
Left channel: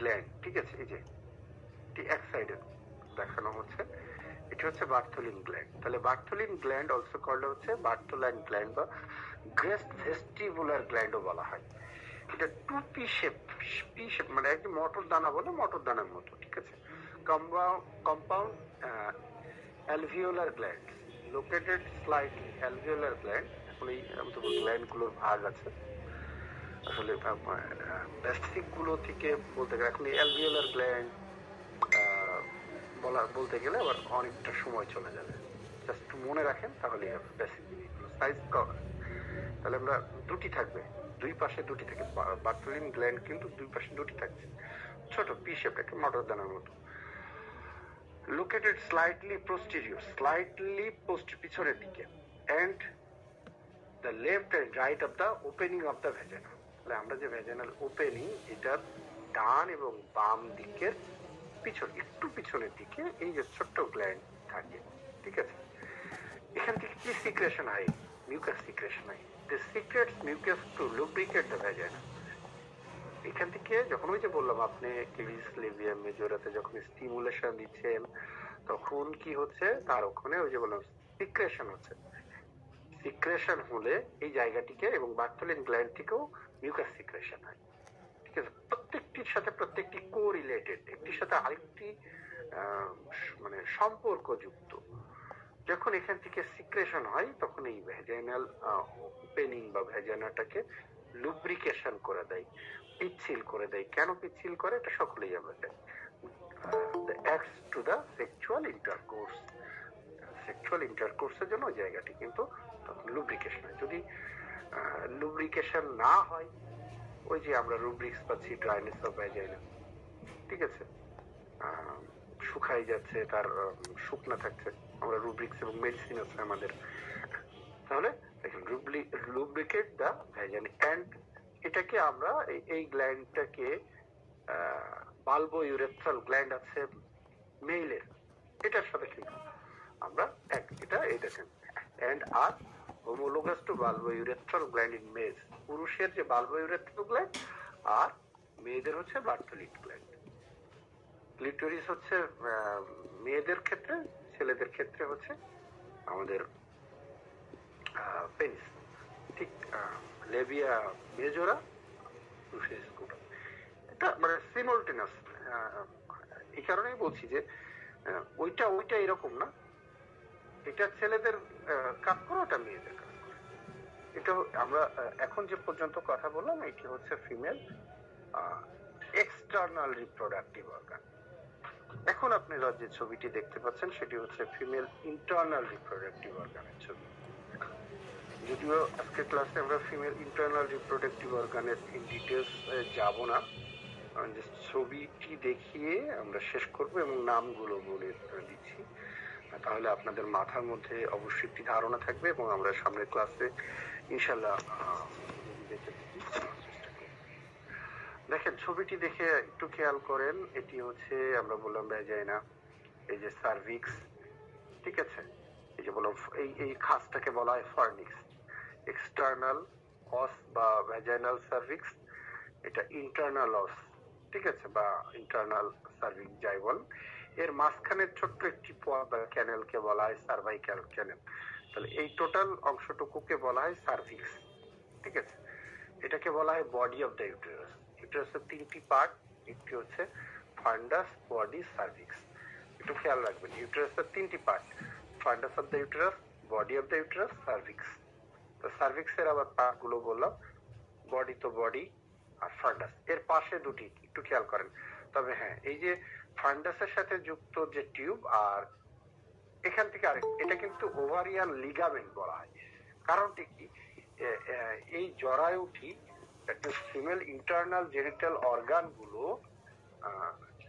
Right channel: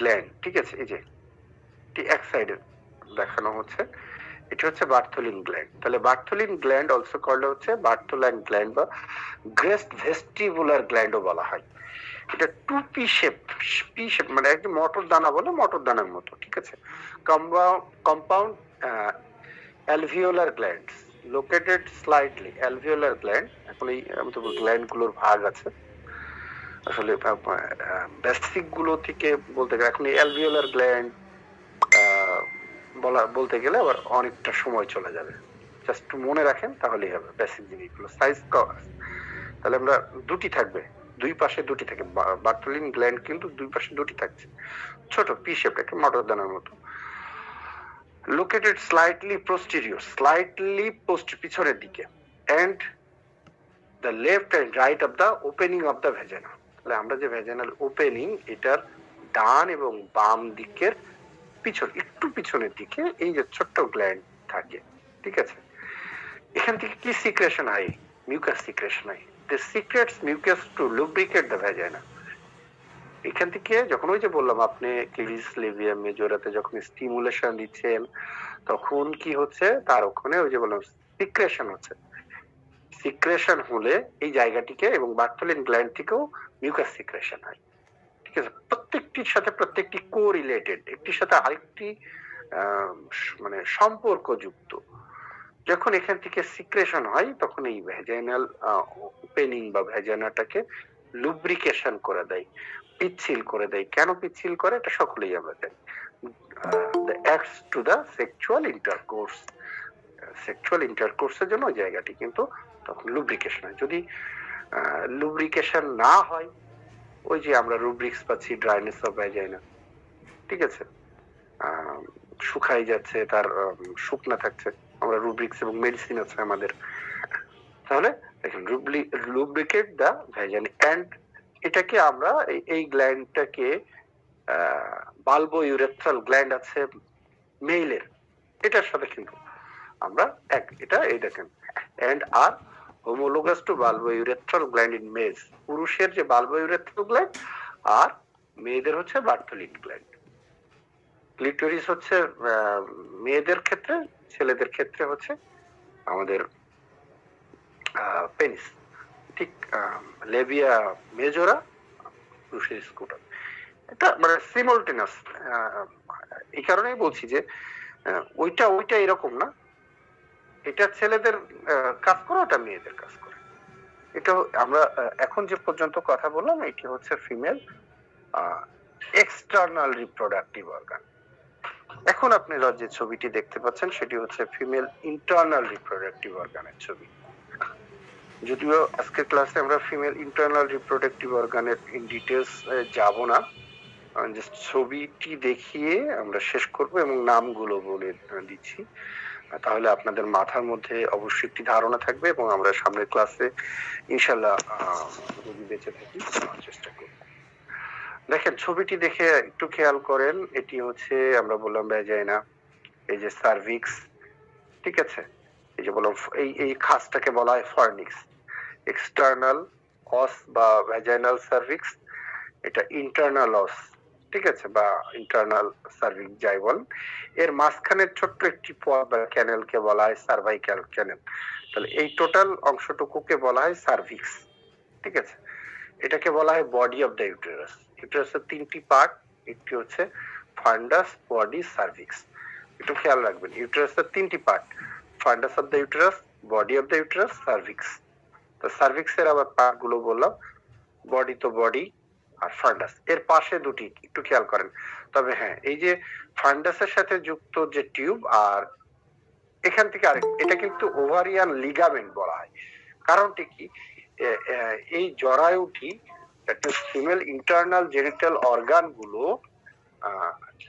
গ্ল্যান্ড, ঠিক আছে, এই যে এক সাইডে দেখানো হচ্ছে, এটা হচ্ছে বার্থোলিন গ্ল্যান্ড। তাহলে বার্থোলিন গ্ল্যান্ড অলসো কল্ড হচ্ছে বার্থোলাইন গ্ল্যান্ড বা গ্রেস্ট ভেস্টিবুলার গ্ল্যান্ডও বলা হয়। এটা টু পি শেপ, মানে একদম মটর দানা বলে, মটর দানার মতো, ঠিক আছে। Compound alveolar glands located slightly, alveolar gland, এখন এই আমি তো গ্ল্যান্ড গুলোর ভাগ আছে, আসলে বেসিক গুলো থেকে বলতে গেলে এখন এই অ্যালভিওলার গ্ল্যান্ড বলতে গেলে আবার অনেকটা সময় চলে যাবে, জাস্ট মনে রাখেন তাহলেই হবে বেসিক জিনিসগুলো। সাইজ তাহলে আমরা দুটি থাকবে, দুই পাশে দুটি থাকে, বার্থোলিন গ্ল্যান্ড কিন্তু দুই পাশে দুটি থাকছে, ছোট পি শেপ, একটা মটর দানার মতো। লোকেটেড স্লাইটলি পোস্টেরিয়র, স্লাইটলি পিছনের দিকে, and the left and right of the opening of the vagina, তাহলে আমরা যে ভ্যাজাইনাল ওপেনিং, এটার ডান এবং বাম দিকের একটু পিছনের দিকে এই যে ছোট্ট গ্ল্যান্ড থাকে, ঠিক আছে? এখান থেকে কি সিক্রেশন হয়? মিউকাস সিক্রেশন হয়। This secretes mucus to lubricate the vagina. এখান থেকে যখন ওই যে বললাম আপনি ক্লিভিস লেভিয়াম মেজরাতে যখন স্টিমুলেশন দিচ্ছেন, তখন কি হচ্ছে, তার ওখানে ওই যে বললাম সিক্রেশন হচ্ছে। সিক্রেশন হলে এই জায়গাটিকে এবং বার্থলিন গ্ল্যান্ড থেকেও মিউকাস সিক্রেশন হয়, ঠিক আছে? প্রত্যেকটির সাথে প্রত্যেকটি কোরিলেটেড, একটির সাথে আরেকটি মানে সম্পর্কযুক্ত। যখন এখান থেকে সিক্রেশন হয় তখন এই ভ্যাজাইনাল ওপেনিং বা ভ্যাজাইনাটাকে লুব্রিকেশন করে দেয়, পিচ্ছিল করে দেয়। কেন পিচ্ছিল করে এটা সকলেই আমরা জানি। the acts to the sexual intercourse, sexual ইন্টারকোর্সের জন্য ওই জায়গাটি কিন্তু তখন লুব্রিকেশন হয়। যদি লুব্রিকেশন না হয়, ওই যে আমরা রুব্রিক্স পাচ্ছি ড্রাইনেস অফ ভ্যাজাইনা, ঠিক আছে, শুকাই যাচ্ছে, তার শুকনা থাকছে, আমরা রুব্রিক্স এবং মেডিসিন আছে আমাদের। তাহলে দেখেন লুব্রিকেট দা ভ্যাজাইনা, এন্ড এটাকে আমরা এই গ্ল্যান্ডটাকে বালবো ইউরেথ্রাল গ্ল্যান্ড আছে মেইলের, এটার সাথে কিন্তু আমরা এটা এই দেখেন and are homologous to bulbo urethral gland in males. পুরুষের যে বালবো ইউরেথ্রাল গ্ল্যান্ড আর মেয়েদের হচ্ছে বার্থলিন গ্ল্যান্ড। ক্লিটোরিস হচ্ছে মেয়েদের ক্ষেত্রে, ছেলেদের ক্ষেত্রে হচ্ছে আমাদের পেনিস, ঠিক লেবিয়া মেজরা, পুরুষের স্কুটার। এটা মানে সিমultaneous। এই কারণেই বলছি যে ওইটা এরকম না, এটা ছেলেদের কাজ করে, ওটা মেয়েদের কাজ করে। এটা আমরা এখন যে পর্যন্ত কথা বললাম, এটি হচ্ছে ফিমেল এক্সটার্নাল রিপ্রোডাক্টিভ অর্গান। এখন আপনি যে ছবিটি দেখতে পাচ্ছেন সেটি হচ্ছে ফিমেল ইন্টারনাল রিপ্রোডাক্টিভ অর্গানের ছবি। যদিও আজকের ক্লাসে আমরা ফিমেল ইন্টারনাল রিপ্রোডাক্টিভ অর্গানের ইন ডিটেলস যাব না, জাস্ট ছবিটি দেখিয়ে আমরা শেষ করব এবং নামগুলো বলে দিচ্ছি। তাহলে আপনাদের মাথার মধ্যে অবশ্যই একটি ধারণা থাকবে এবং আমরা সামনের ক্লাসে ইনশাল্লাহ যদি বেঁচে থাকি চেষ্টা করব। দেখেন ছবিটি দেখে একটু খেয়াল করেন, এটি হচ্ছে আমরা বললাম ভ্যাজাইনা, এই যে সার্ভিক্স, ঠিক আছে, এই যে বললাম এই খাসটাকে বলা হয় ফর্নিক্স। এক্সটার্নাল অস বা ভ্যাজাইনাল সার্ভিক্স, এটা ইন্টারনাল অস, ঠিক আছে, বা ইন্টারনাল সার্ভিক্স যাই বল। এর মাঝখানের ছোট্ট একটি পথ বা ক্যানেলকে বলা হয় সার্ভাইকাল ক্যানেল। তাহলে এই টোটাল অংশটুকুকে বলা হয় সার্ভিক্স, ঠিক আছে। এটাকে বলা হয় বডি অফ দ্য ইউটেরাস। ইউটেরাসের তিনটি পার্ট, একটি হচ্ছে ফান্ডাস, বডি, সার্ভিক্স। একটু খেয়াল রাখবেন, ইউটেরাসের তিনটি part, ফান্ডাস of the uterus, body of the uterus, cervix. তো সার্ভিক্সের আবার পার্ট গুলো বললাম, বডি তো বডি আর ফান্ডাস, এর পাশে দুটি একটু খেয়াল করেন। তবে হ্যাঁ, এই যে ফান্ডাসের সাথে যুক্ত যে টিউব আর এখান থেকে আরেক, এটা কিন্তু ওভারিয়ান লিগামেন্ট বলা হয়। কারণটি কি, এই জরায়ুটি ফিমেল ইন্টারনাল জেনিটাল অর্গান গুলো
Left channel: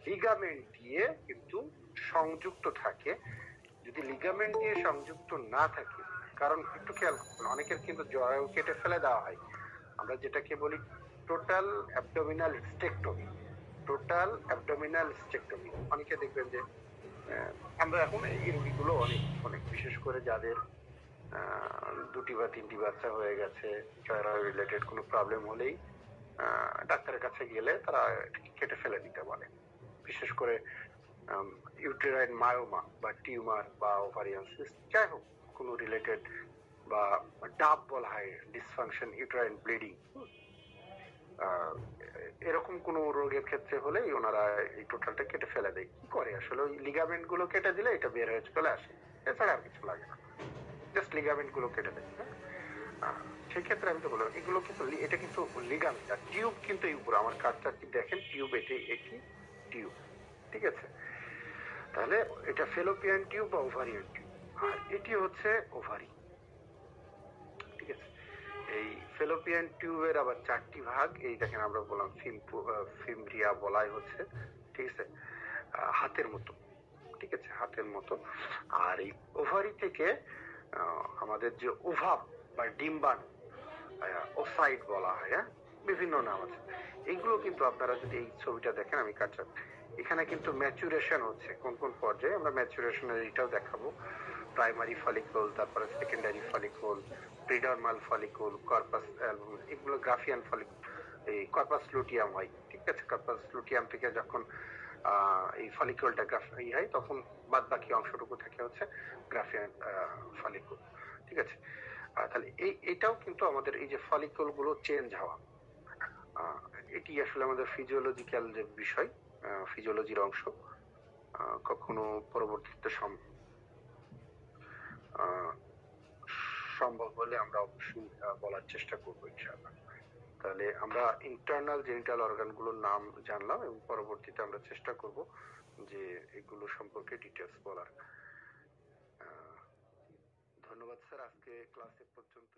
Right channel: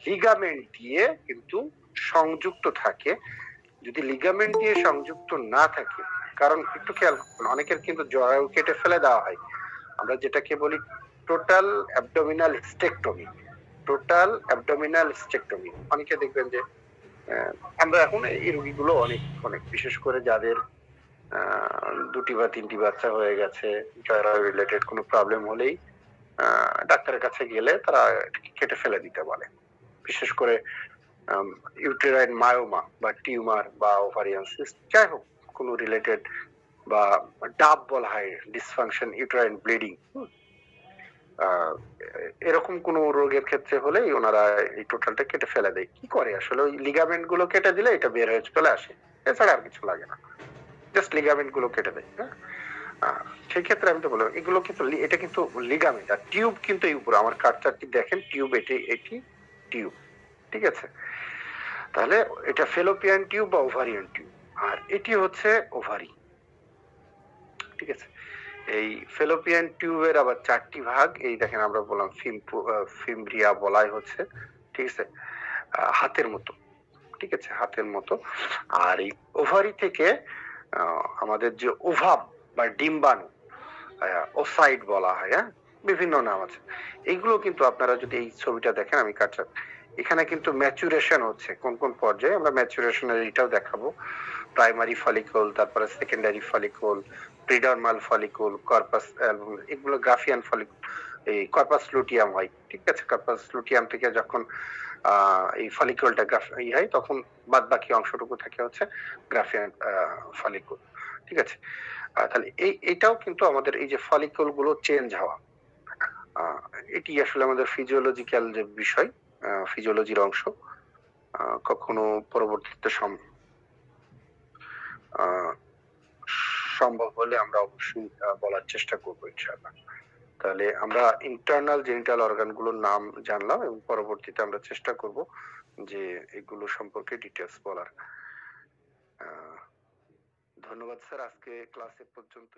লিগামেন্ট দিয়ে কিন্তু সংযুক্ত থাকে। যদি লিগামেন্ট দিয়ে সংযুক্ত না থাকে, কারণ একটু খেয়াল করুন, অনেকের কিন্তু জরায়ু কেটে ফেলে দেওয়া হয়, আমরা যেটাকে বলি total abdominal hysterectomy. Total abdominal hysterectomy, অনেকে দেখবেন যে আমরা এখন এই রোগীগুলো অনেক বিশেষ করে যাদের দুটি বা তিনটি বাচ্চা হয়ে গেছে, জরায়ু রিলেটেড কোনো প্রবলেম হলেই ডাক্তারের কাছে গেলে তারা কেটে ফেলে দিতে বলে। বিশেষ করে ইউটেরাইন মায়োমা বা টিউমার বা ওভারিয়ান সিস্ট, যাই হোক কোনো রিলেটেড, বা ডাব বলা হয় ডিসফাংশন ইউটেরাইন ব্লিডিং, এরকম কোন রোগের ক্ষেত্রে হলেই ওনারা এই টোটালটা কেটে ফেলে দেয়। কি করে আসলে, ওই লিগামেন্ট গুলো কেটে দিলে এটা বের হয়ে চলে আসে, এছাড়া আর কিছু লাগে না, জাস্ট লিগামেন্ট গুলো কেটে দেয়। সেই ক্ষেত্রে আমি তো বললাম এগুলো কিন্তু, এটা কিন্তু লিগামেন্ট, আর টিউব কিন্তু এই উপরে আমার কার্ডটি দেখেন, টিউব এটি টিউব, ঠিক আছে। তাহলে এটা ফেলোপিয়ান টিউব বা ওভারিয়ান টিউব, আর এটি হচ্ছে ওভারি, ঠিক আছে। এই ফেলোপিয়ান টিউবের আবার চারটি ভাগ, এই দেখেন আমরা বললাম ফিমব্রিয়া বলাই হচ্ছে, ঠিক আছে, হাতের মতো, ঠিক আছে, হাতের মতো। আর এই ওভারি থেকে আমাদের যে ওভাম বা ডিম্বাণু, ওসাইট বলা হয়, হ্যাঁ, বিভিন্ন নাম আছে। এইগুলো কিন্তু আপনারা যদি এই ছবিটা দেখেন, আমি কাটছাট, এখানে কিন্তু ম্যাচুরেশন হচ্ছে কোন কোন পর্যায়ে, আমরা ম্যাচুরেশনের এটাও দেখাবো। প্রাইমারি ফলিকল, তারপরে সেকেন্ডারি ফলিকল, প্রিডারমাল ফলিকল, কর্পাস এগুলো গ্রাফিয়ান ফলিকল, এই কর্পাস লুটিয়াম হয়, ঠিক আছে? কর্পাস লুটিয়াম থেকে যখন এই ফলিকলটা হয়, তখন বাদ বাকি অংশটুকু থাকে হচ্ছে গ্রাফিয়ান ফলিকল, ঠিক আছে? তাহলে এটাও কিন্তু আমাদের এই যে ফলিকল গুলো চেঞ্জ হওয়া, আহ, এটি আসলে আমাদের ফিজিওলজিক্যাল যে বিষয়, ফিজিওলজির অংশ। কখনো পরবর্তীতে আহ, সম্ভব হলে আমরা অবশ্যই বলার চেষ্টা করবো ইনশাআল্লাহ। তাহলে আমরা ইন্টারনাল জেনিটাল অর্গান গুলোর নাম জানলাম এবং পরবর্তীতে আমরা চেষ্টা করব যে এগুলো সম্পর্কে ডিটেলস বলার। ধন্যবাদ স্যার, আজকে ক্লাসে পর্যন্ত।